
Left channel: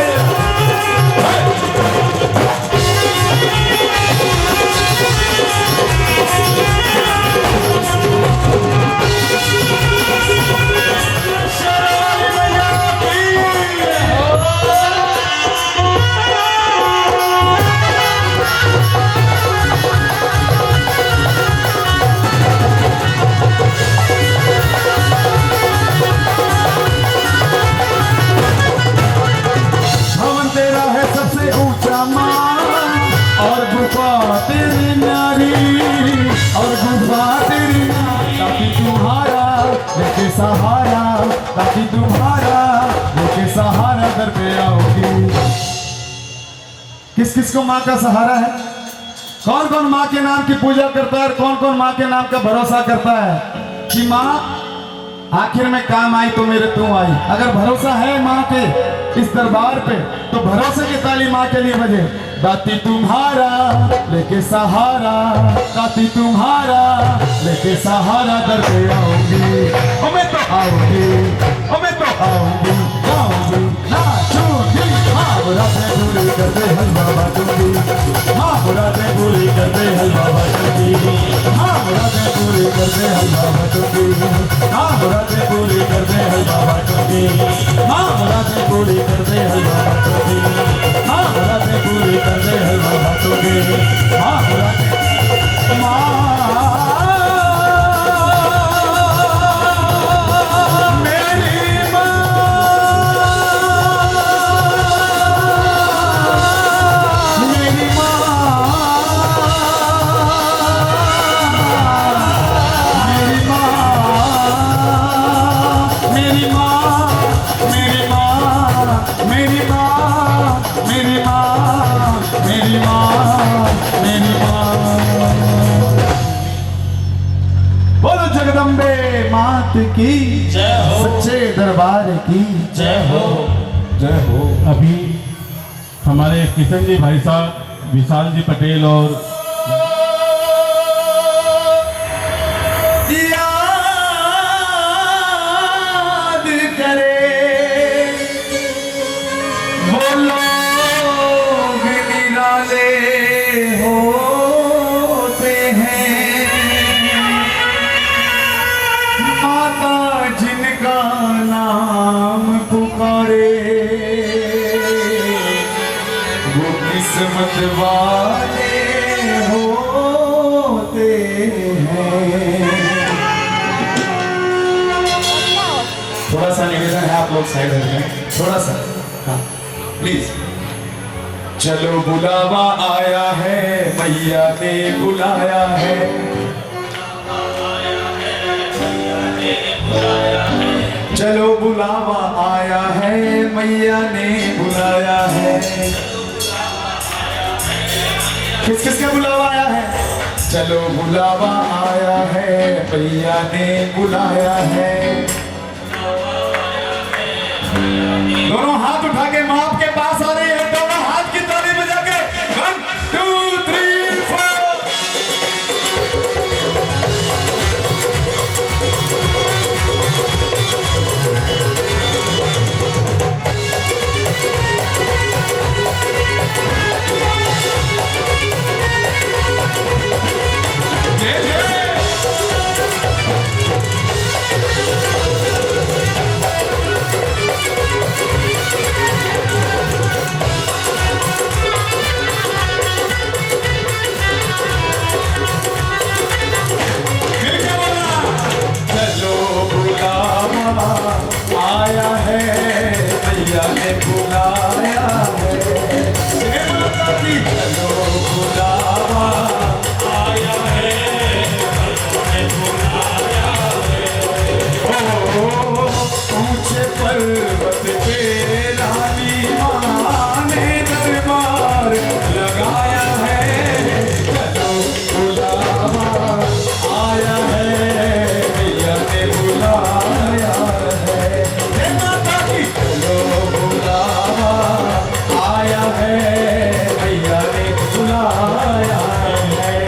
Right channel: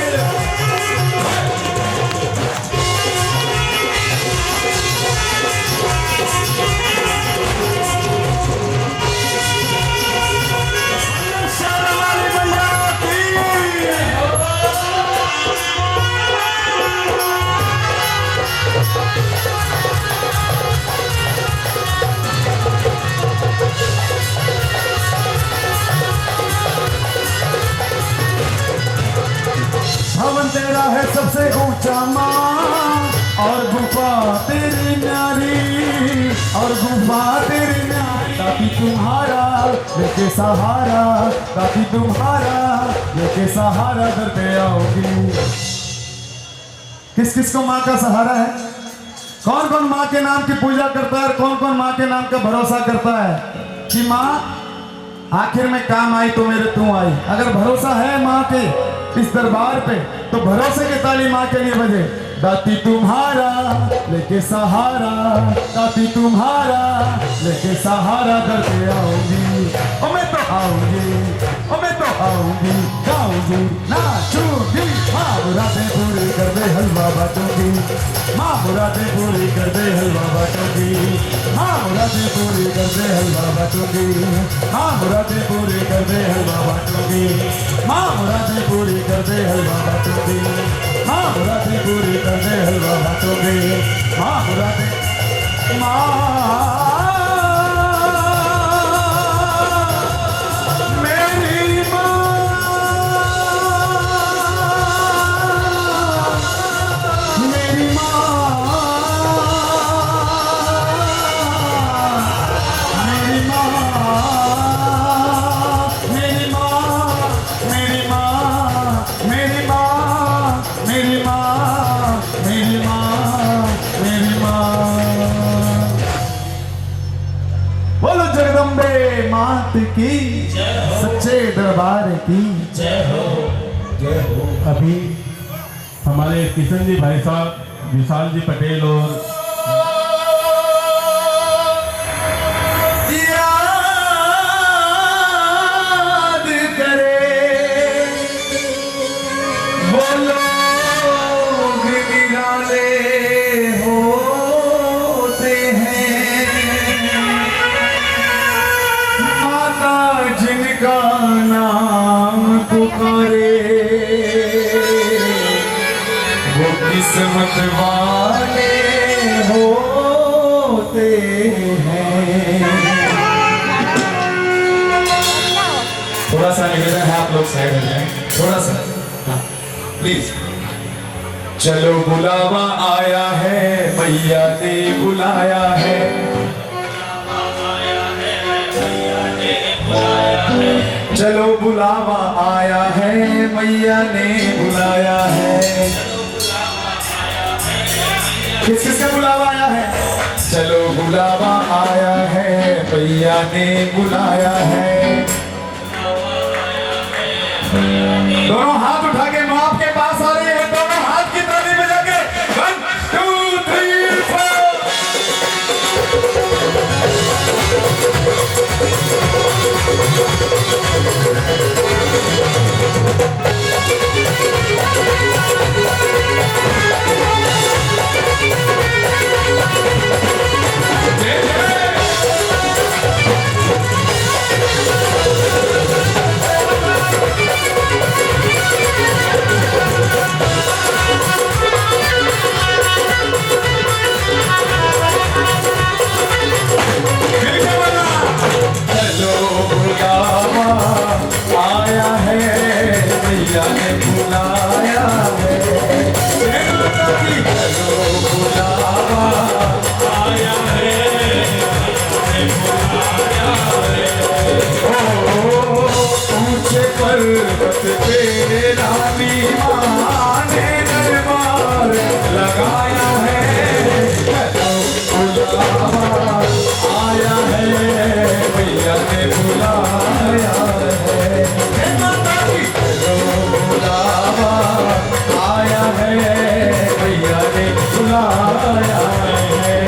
भवन तेरा है सबसे ऊंचा माँ, और गुफा तेरी नारी, और गुफा तेरी नारी। ताकि तुम्हारा लेके सहारा, ताकि तुम्हारा लेके सहारा दर पे आओगी। किस किस को माँ का सहारा है? कौन कौन माँ के नाम की पूजा करता है और कौन कौन माँ के नाम का भरोसा करता है कि माँ आखिर में काम आई तो मेरे तू आई। अगर भरोसा है माँ के इस दरबार पे तो भरोसे की ताली माँ के लिए बजे। दाती तुम्हारा लेके सहारा, दाती तुम्हारा लेके सहारा दर पे आऊंगी ओ मैं तो आऊंगी, ओ मैं तो आऊंगी, गाऊंगी नाचूंगी। माँ मुरादें पूरी कर दे हलवा बाटूंगी, माँ मुरादें पूरी कर दे हलवा बाटूंगी, माँ मुरादें पूरी कर दे हलवा बाटूंगी, माँ मुरादें पूरी कर दे हलवा बाटूंगी, माँ मुरादें पूरी कर दे हलवा बाटूंगी, माँ मुरादें पूरी कर दे हलवा बाटूंगी, माँ मुरादें माँ बोलो जगदम्बे मात की सच्चे दरबार की जय हो। जय हो। अभी हमारे किशन जी भाई साहब, विशाल जी पटेल और याद करे वो लोग निराले होते हैं, माता जिनका नाम पुकारे वो किस्मत वाले होते हैं। थोड़ा सा निवेदन है, आप लोग साइड हो जाएं, थोड़ा सा प्लीज। चलो बुलावा आया है, मैया ने बुलाया है, चलो बुलावा आया है, मैया ने बुलाया है। किस किस का बुलावा आया है? चलो बुलावा आया है, मैया ने बुलाया है। दोनों हाथ उठा के माँ आपके पास आ रही है, दोनों हाथ की ताली बजा के 1 2 3 4। पर्वत पे रानी माँ ने दरबार लगाया है। चलो बुलावा आया है, भैया ने बुलाया है। हे माता की चलो बुलावा आया है, भैया ने बुलाया है।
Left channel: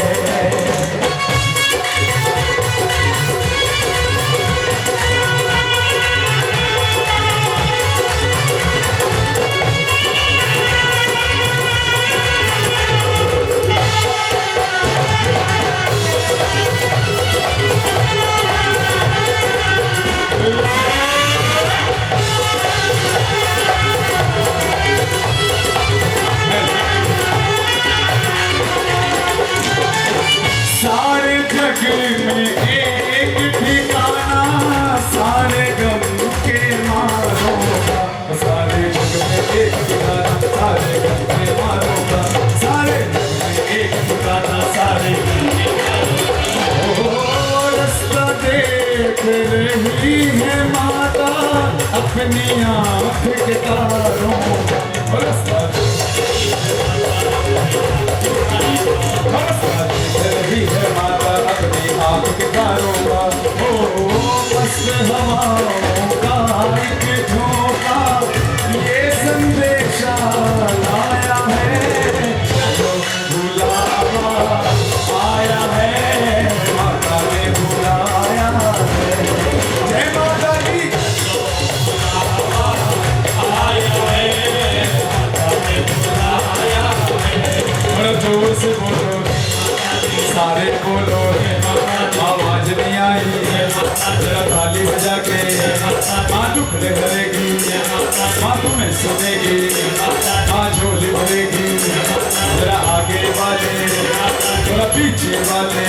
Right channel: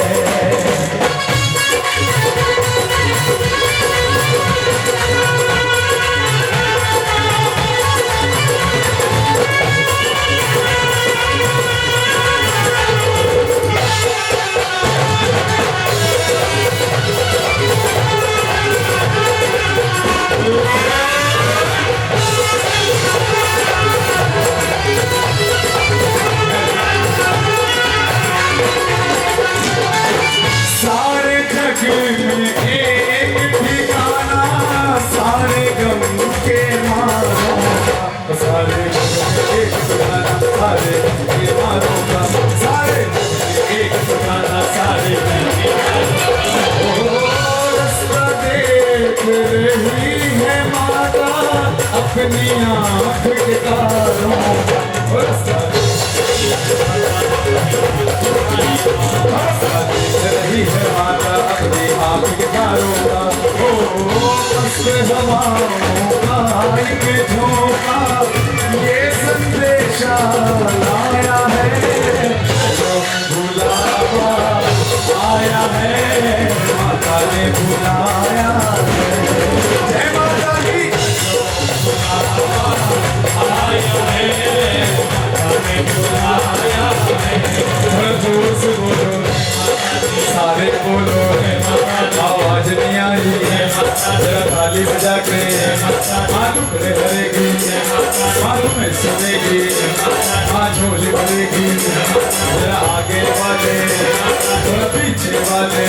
सारे जग में एक ठिकाना, सारे गम के मारो का, सारे जग में एक ठिकाना, सारे गम के मारो का, सारे जग में एक ठिकाना, सारे गम के मारो का। रास्ता देख रही है माता अपनी आँख के तारों का, रास्ता रही है माता अपनी आँख के तारों का। ओ मस्त हवाओं का एक झोंका ये संदेशा लाया है। जो बुलावा आया है, माता ने बुलाया है। जय माता की आया है, माता ने बुलाया है। जोर से बोलो, सारे बोलो, आवाज नहीं आई है। जरा थाली बजा के माँ टुकड़े भरेगी, माँ तुम्हें सुनेगी, माँ झोली भरेगी। जरा आगे वाले, थोड़ा पीछे वाले,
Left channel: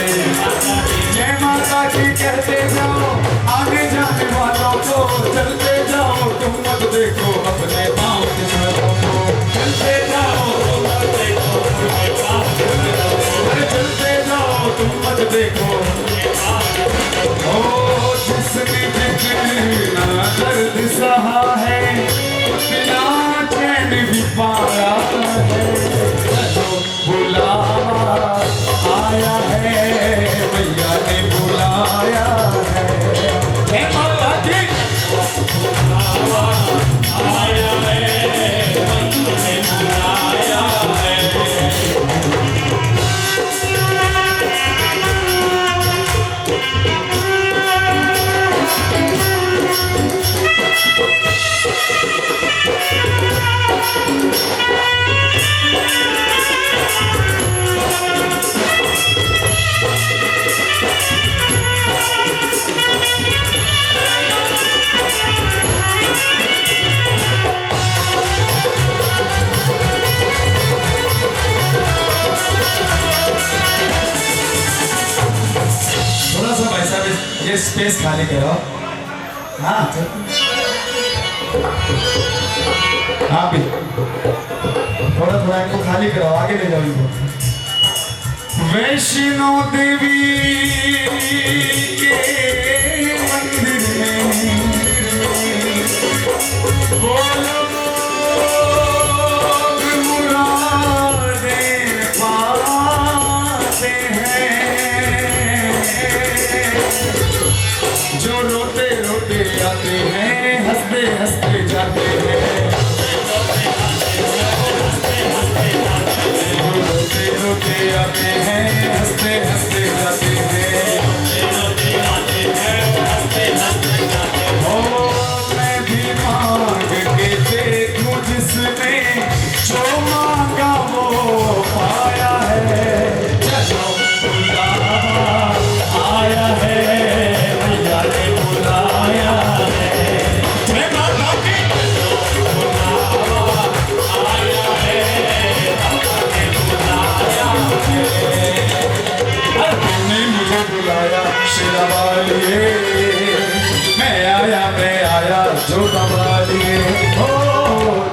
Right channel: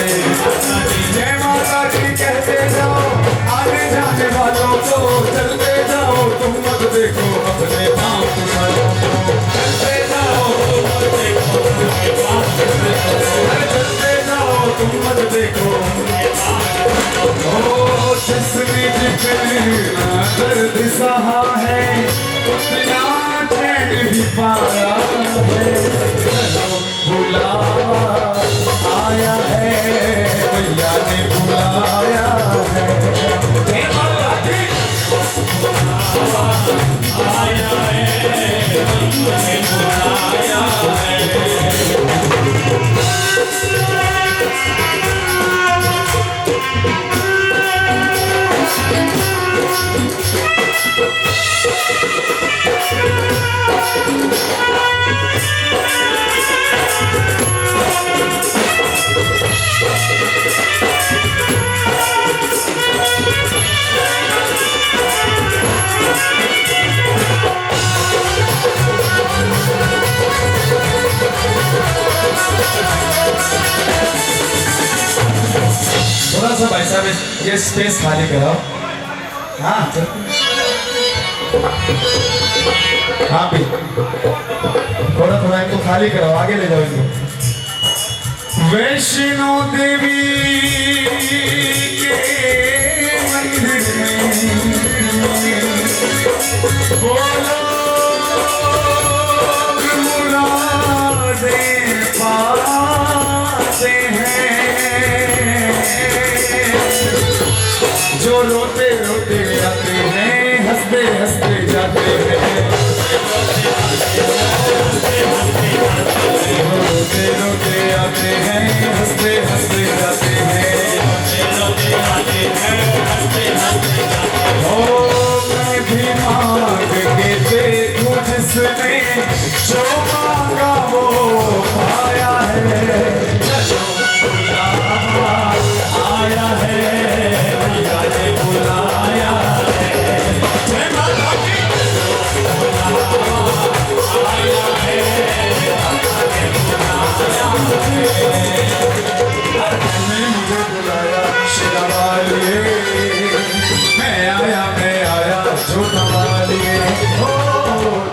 जय माता की कहते जाओ। आगे जाने वालों को चलते जाओ, तुम मत देखो अपने पाँव को, चलते जाओ तुम मत देखो अपने पाँव को, चलते जाओ तुम मत देखो। ओ जिसने जितना दर्द सहा है, उतना चैन भी पाया है। चलो बुलावा आया है, भैया ने बुलाया है। हे माता की आया है, भैया ने बुलाया है। थोड़ा सा भाई साहब ये स्पेस खाली करो। हाँ हाँ भी थोड़ा थोड़ा इनको खाली करो, आगे ले जाओ इनको। वैष्णो देवी के मंदिर में बोलो मुरादें पाते हैं। जो रोते रोते आते हैं, हंसते हंसते जाते हैं। रोते रोते आते हैं, हंसते हंसते जाते हैं। ओ मैं भी मांग के देखूं जिसने जो मांगा वो पाया है। चलो बुलावा आया है, भैया ने बुलाया है। जय माता की बुलावा आया है, भैया ने बुलाया है। तुमने मुझे बुलाया शेरावालिए, मैं आया जो तवालिए। हो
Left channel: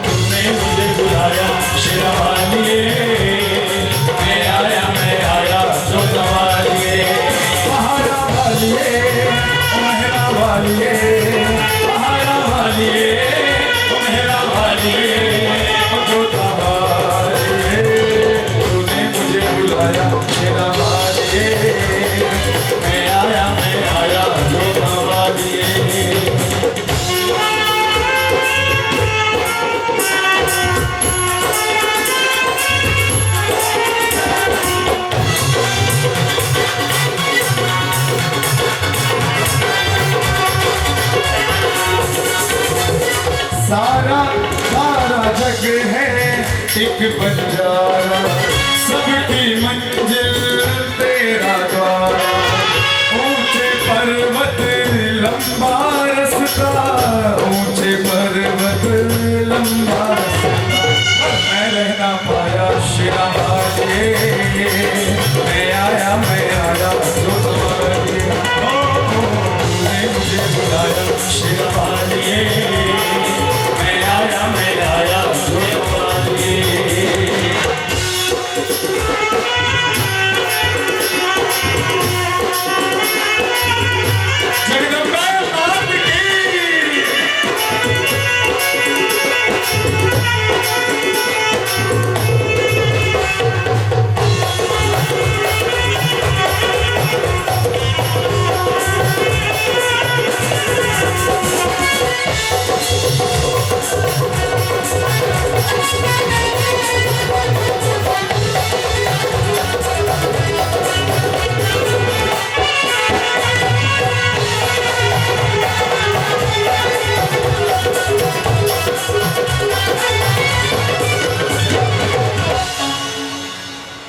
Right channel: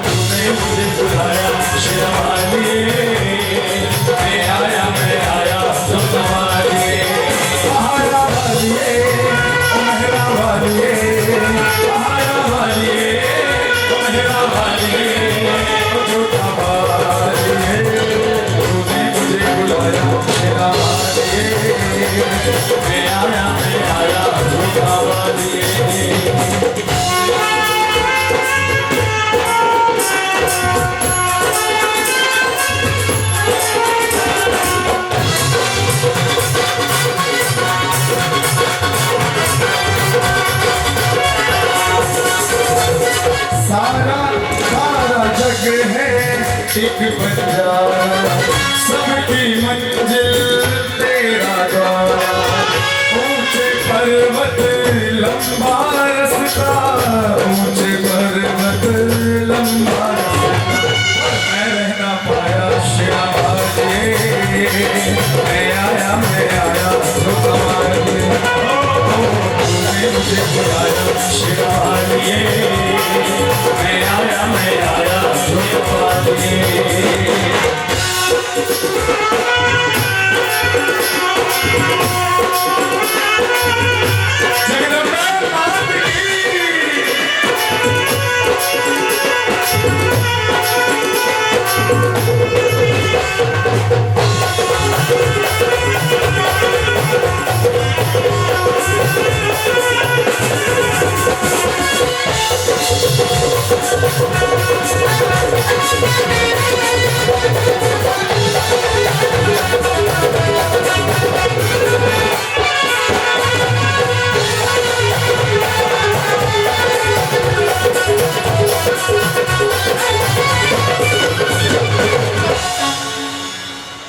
तुमने मुझे बुलाया शेरावालिए, मैं आया जो तवालिए। सहारा वालिए, मेहरा वालिए, सहारा वालिए, मैं आया जोता वालिए सारा सारा जग है एक बंजारा, सबकी मंजिल तेरा द्वार। ऊंचे पर्वत लंबा रास्ता, ऊंचे पर्वत लंबा रास्ता, मैं रहना पाया शिरावालिए, मैं आया जो तुम्हारे तूने मुझे बुलाया शिरावालिए, मैं आया जो तुम्हारे जगदम्बा मात की।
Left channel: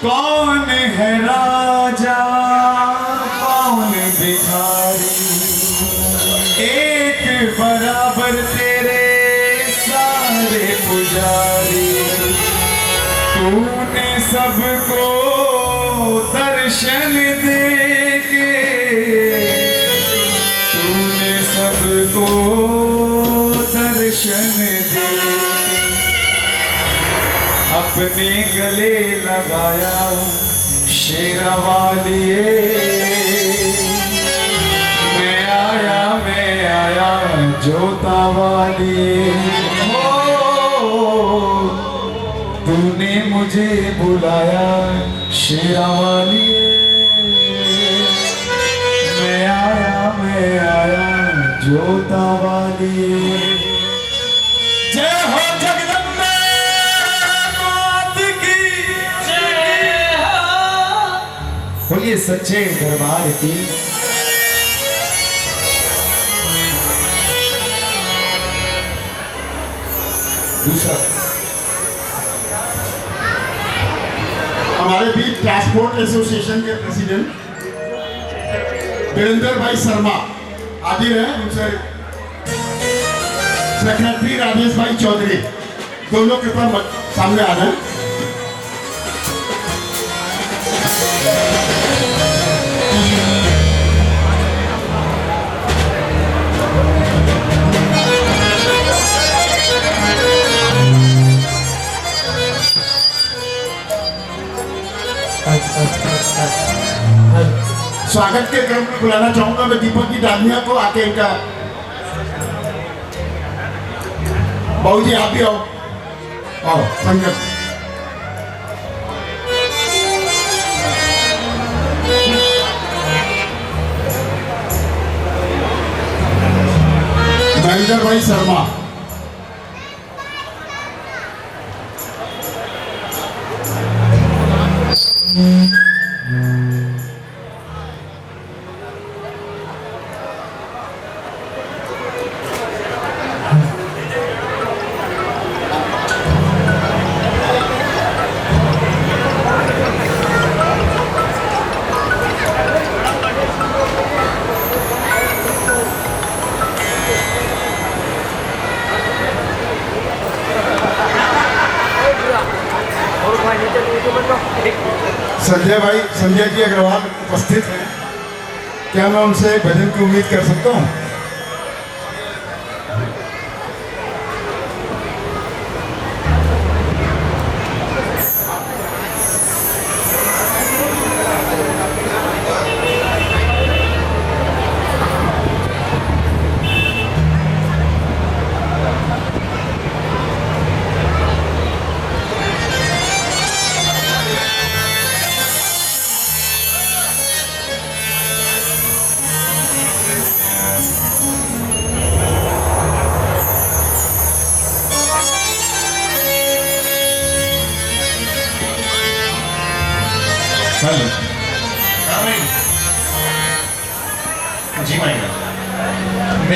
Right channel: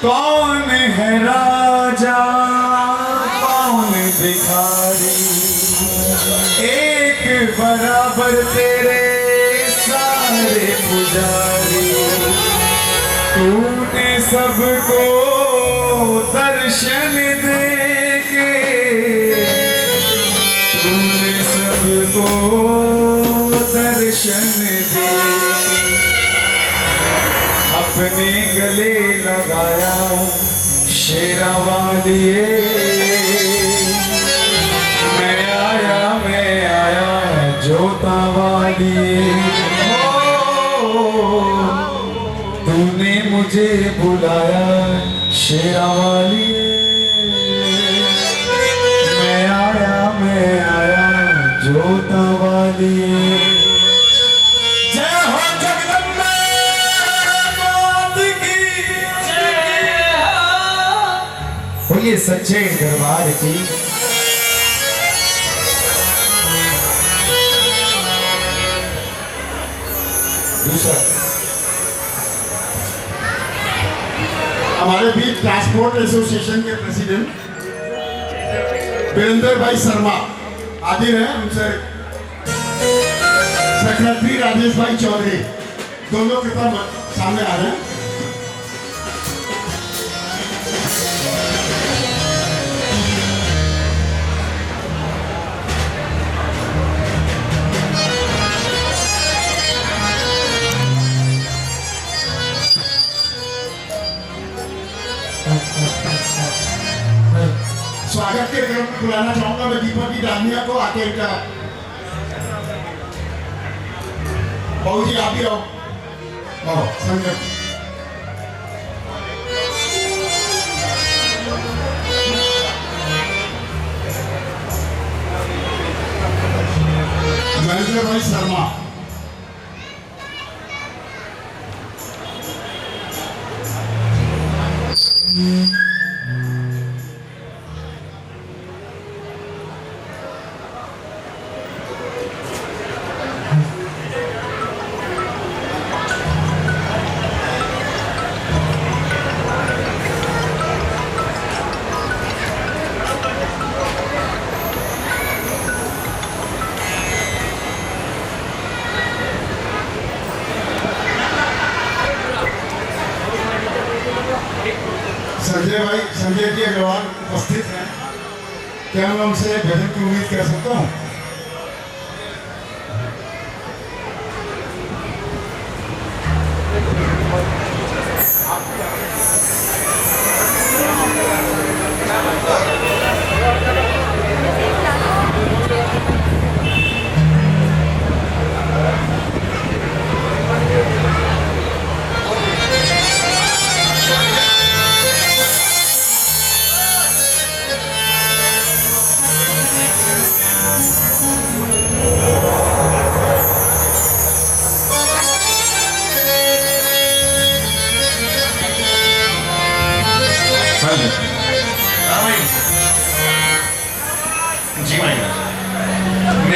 कौन है राजा कौन भिखारी, एक बराबर तेरे सारे पुजारी। तूने सबको दर्शन दे के, तूने सबको दर्शन दे अपने गले लगाया शेरावालिए, मैं आया जोता वालिए। तूने मुझे बुलाया शेरावालिए, मैं आया जोता वालिए। जय हो जगदम्बे बोलिए सच्चे दरबार की। दूसरा हमारे बीच ट्रांसपोर्ट एसोसिएशन के प्रेसिडेंट वीरेंद्र भाई शर्मा हाजिर हैं, उनसे सेक्रेटरी राजेश भाई चौधरी दोनों कृपया सामने आ जाए। स्वागत के क्रम में बुलाना चाहूंगा मैं दीपक की डालमिया को, आके इनका बाबू जी आप भी आओ संगत। वीरेंद्र भाई शर्मा संजय जी अग्रवाल उपस्थित हैं, क्या मैं उनसे भजन की उम्मीद कर सकता हूँ?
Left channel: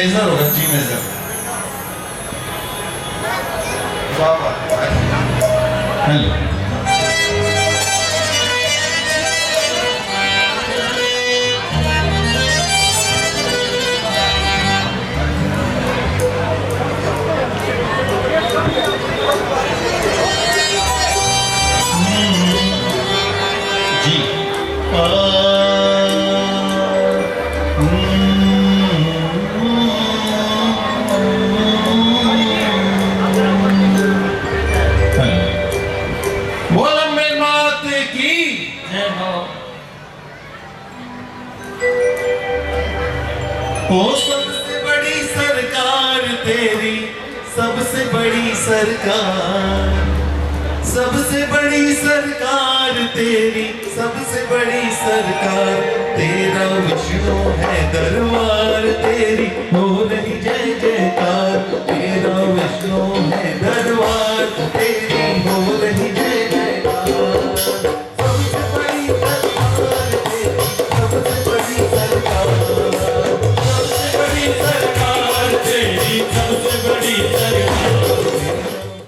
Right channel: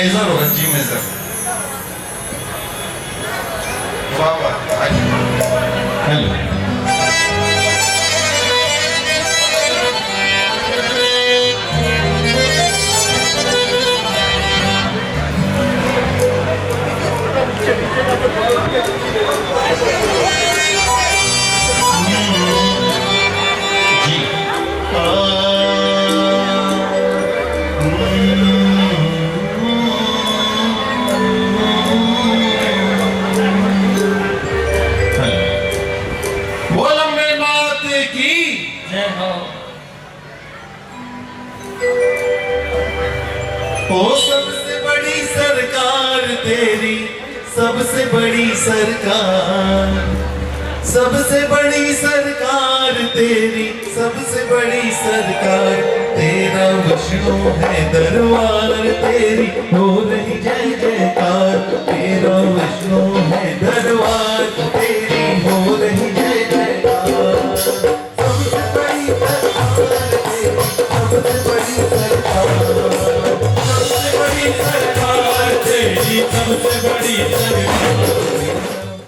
मेजर होगा, जी मेजर। वाह वाह। हेलो। जी। बोल अम्बे मात की जय हो। ओ सबसे बड़ी सरकार तेरी, सबसे बड़ी सरकार, सबसे बड़ी सरकार तेरी, सबसे बड़ी सरकार, तेरा वैष्णो है दरबार तेरी, हो रे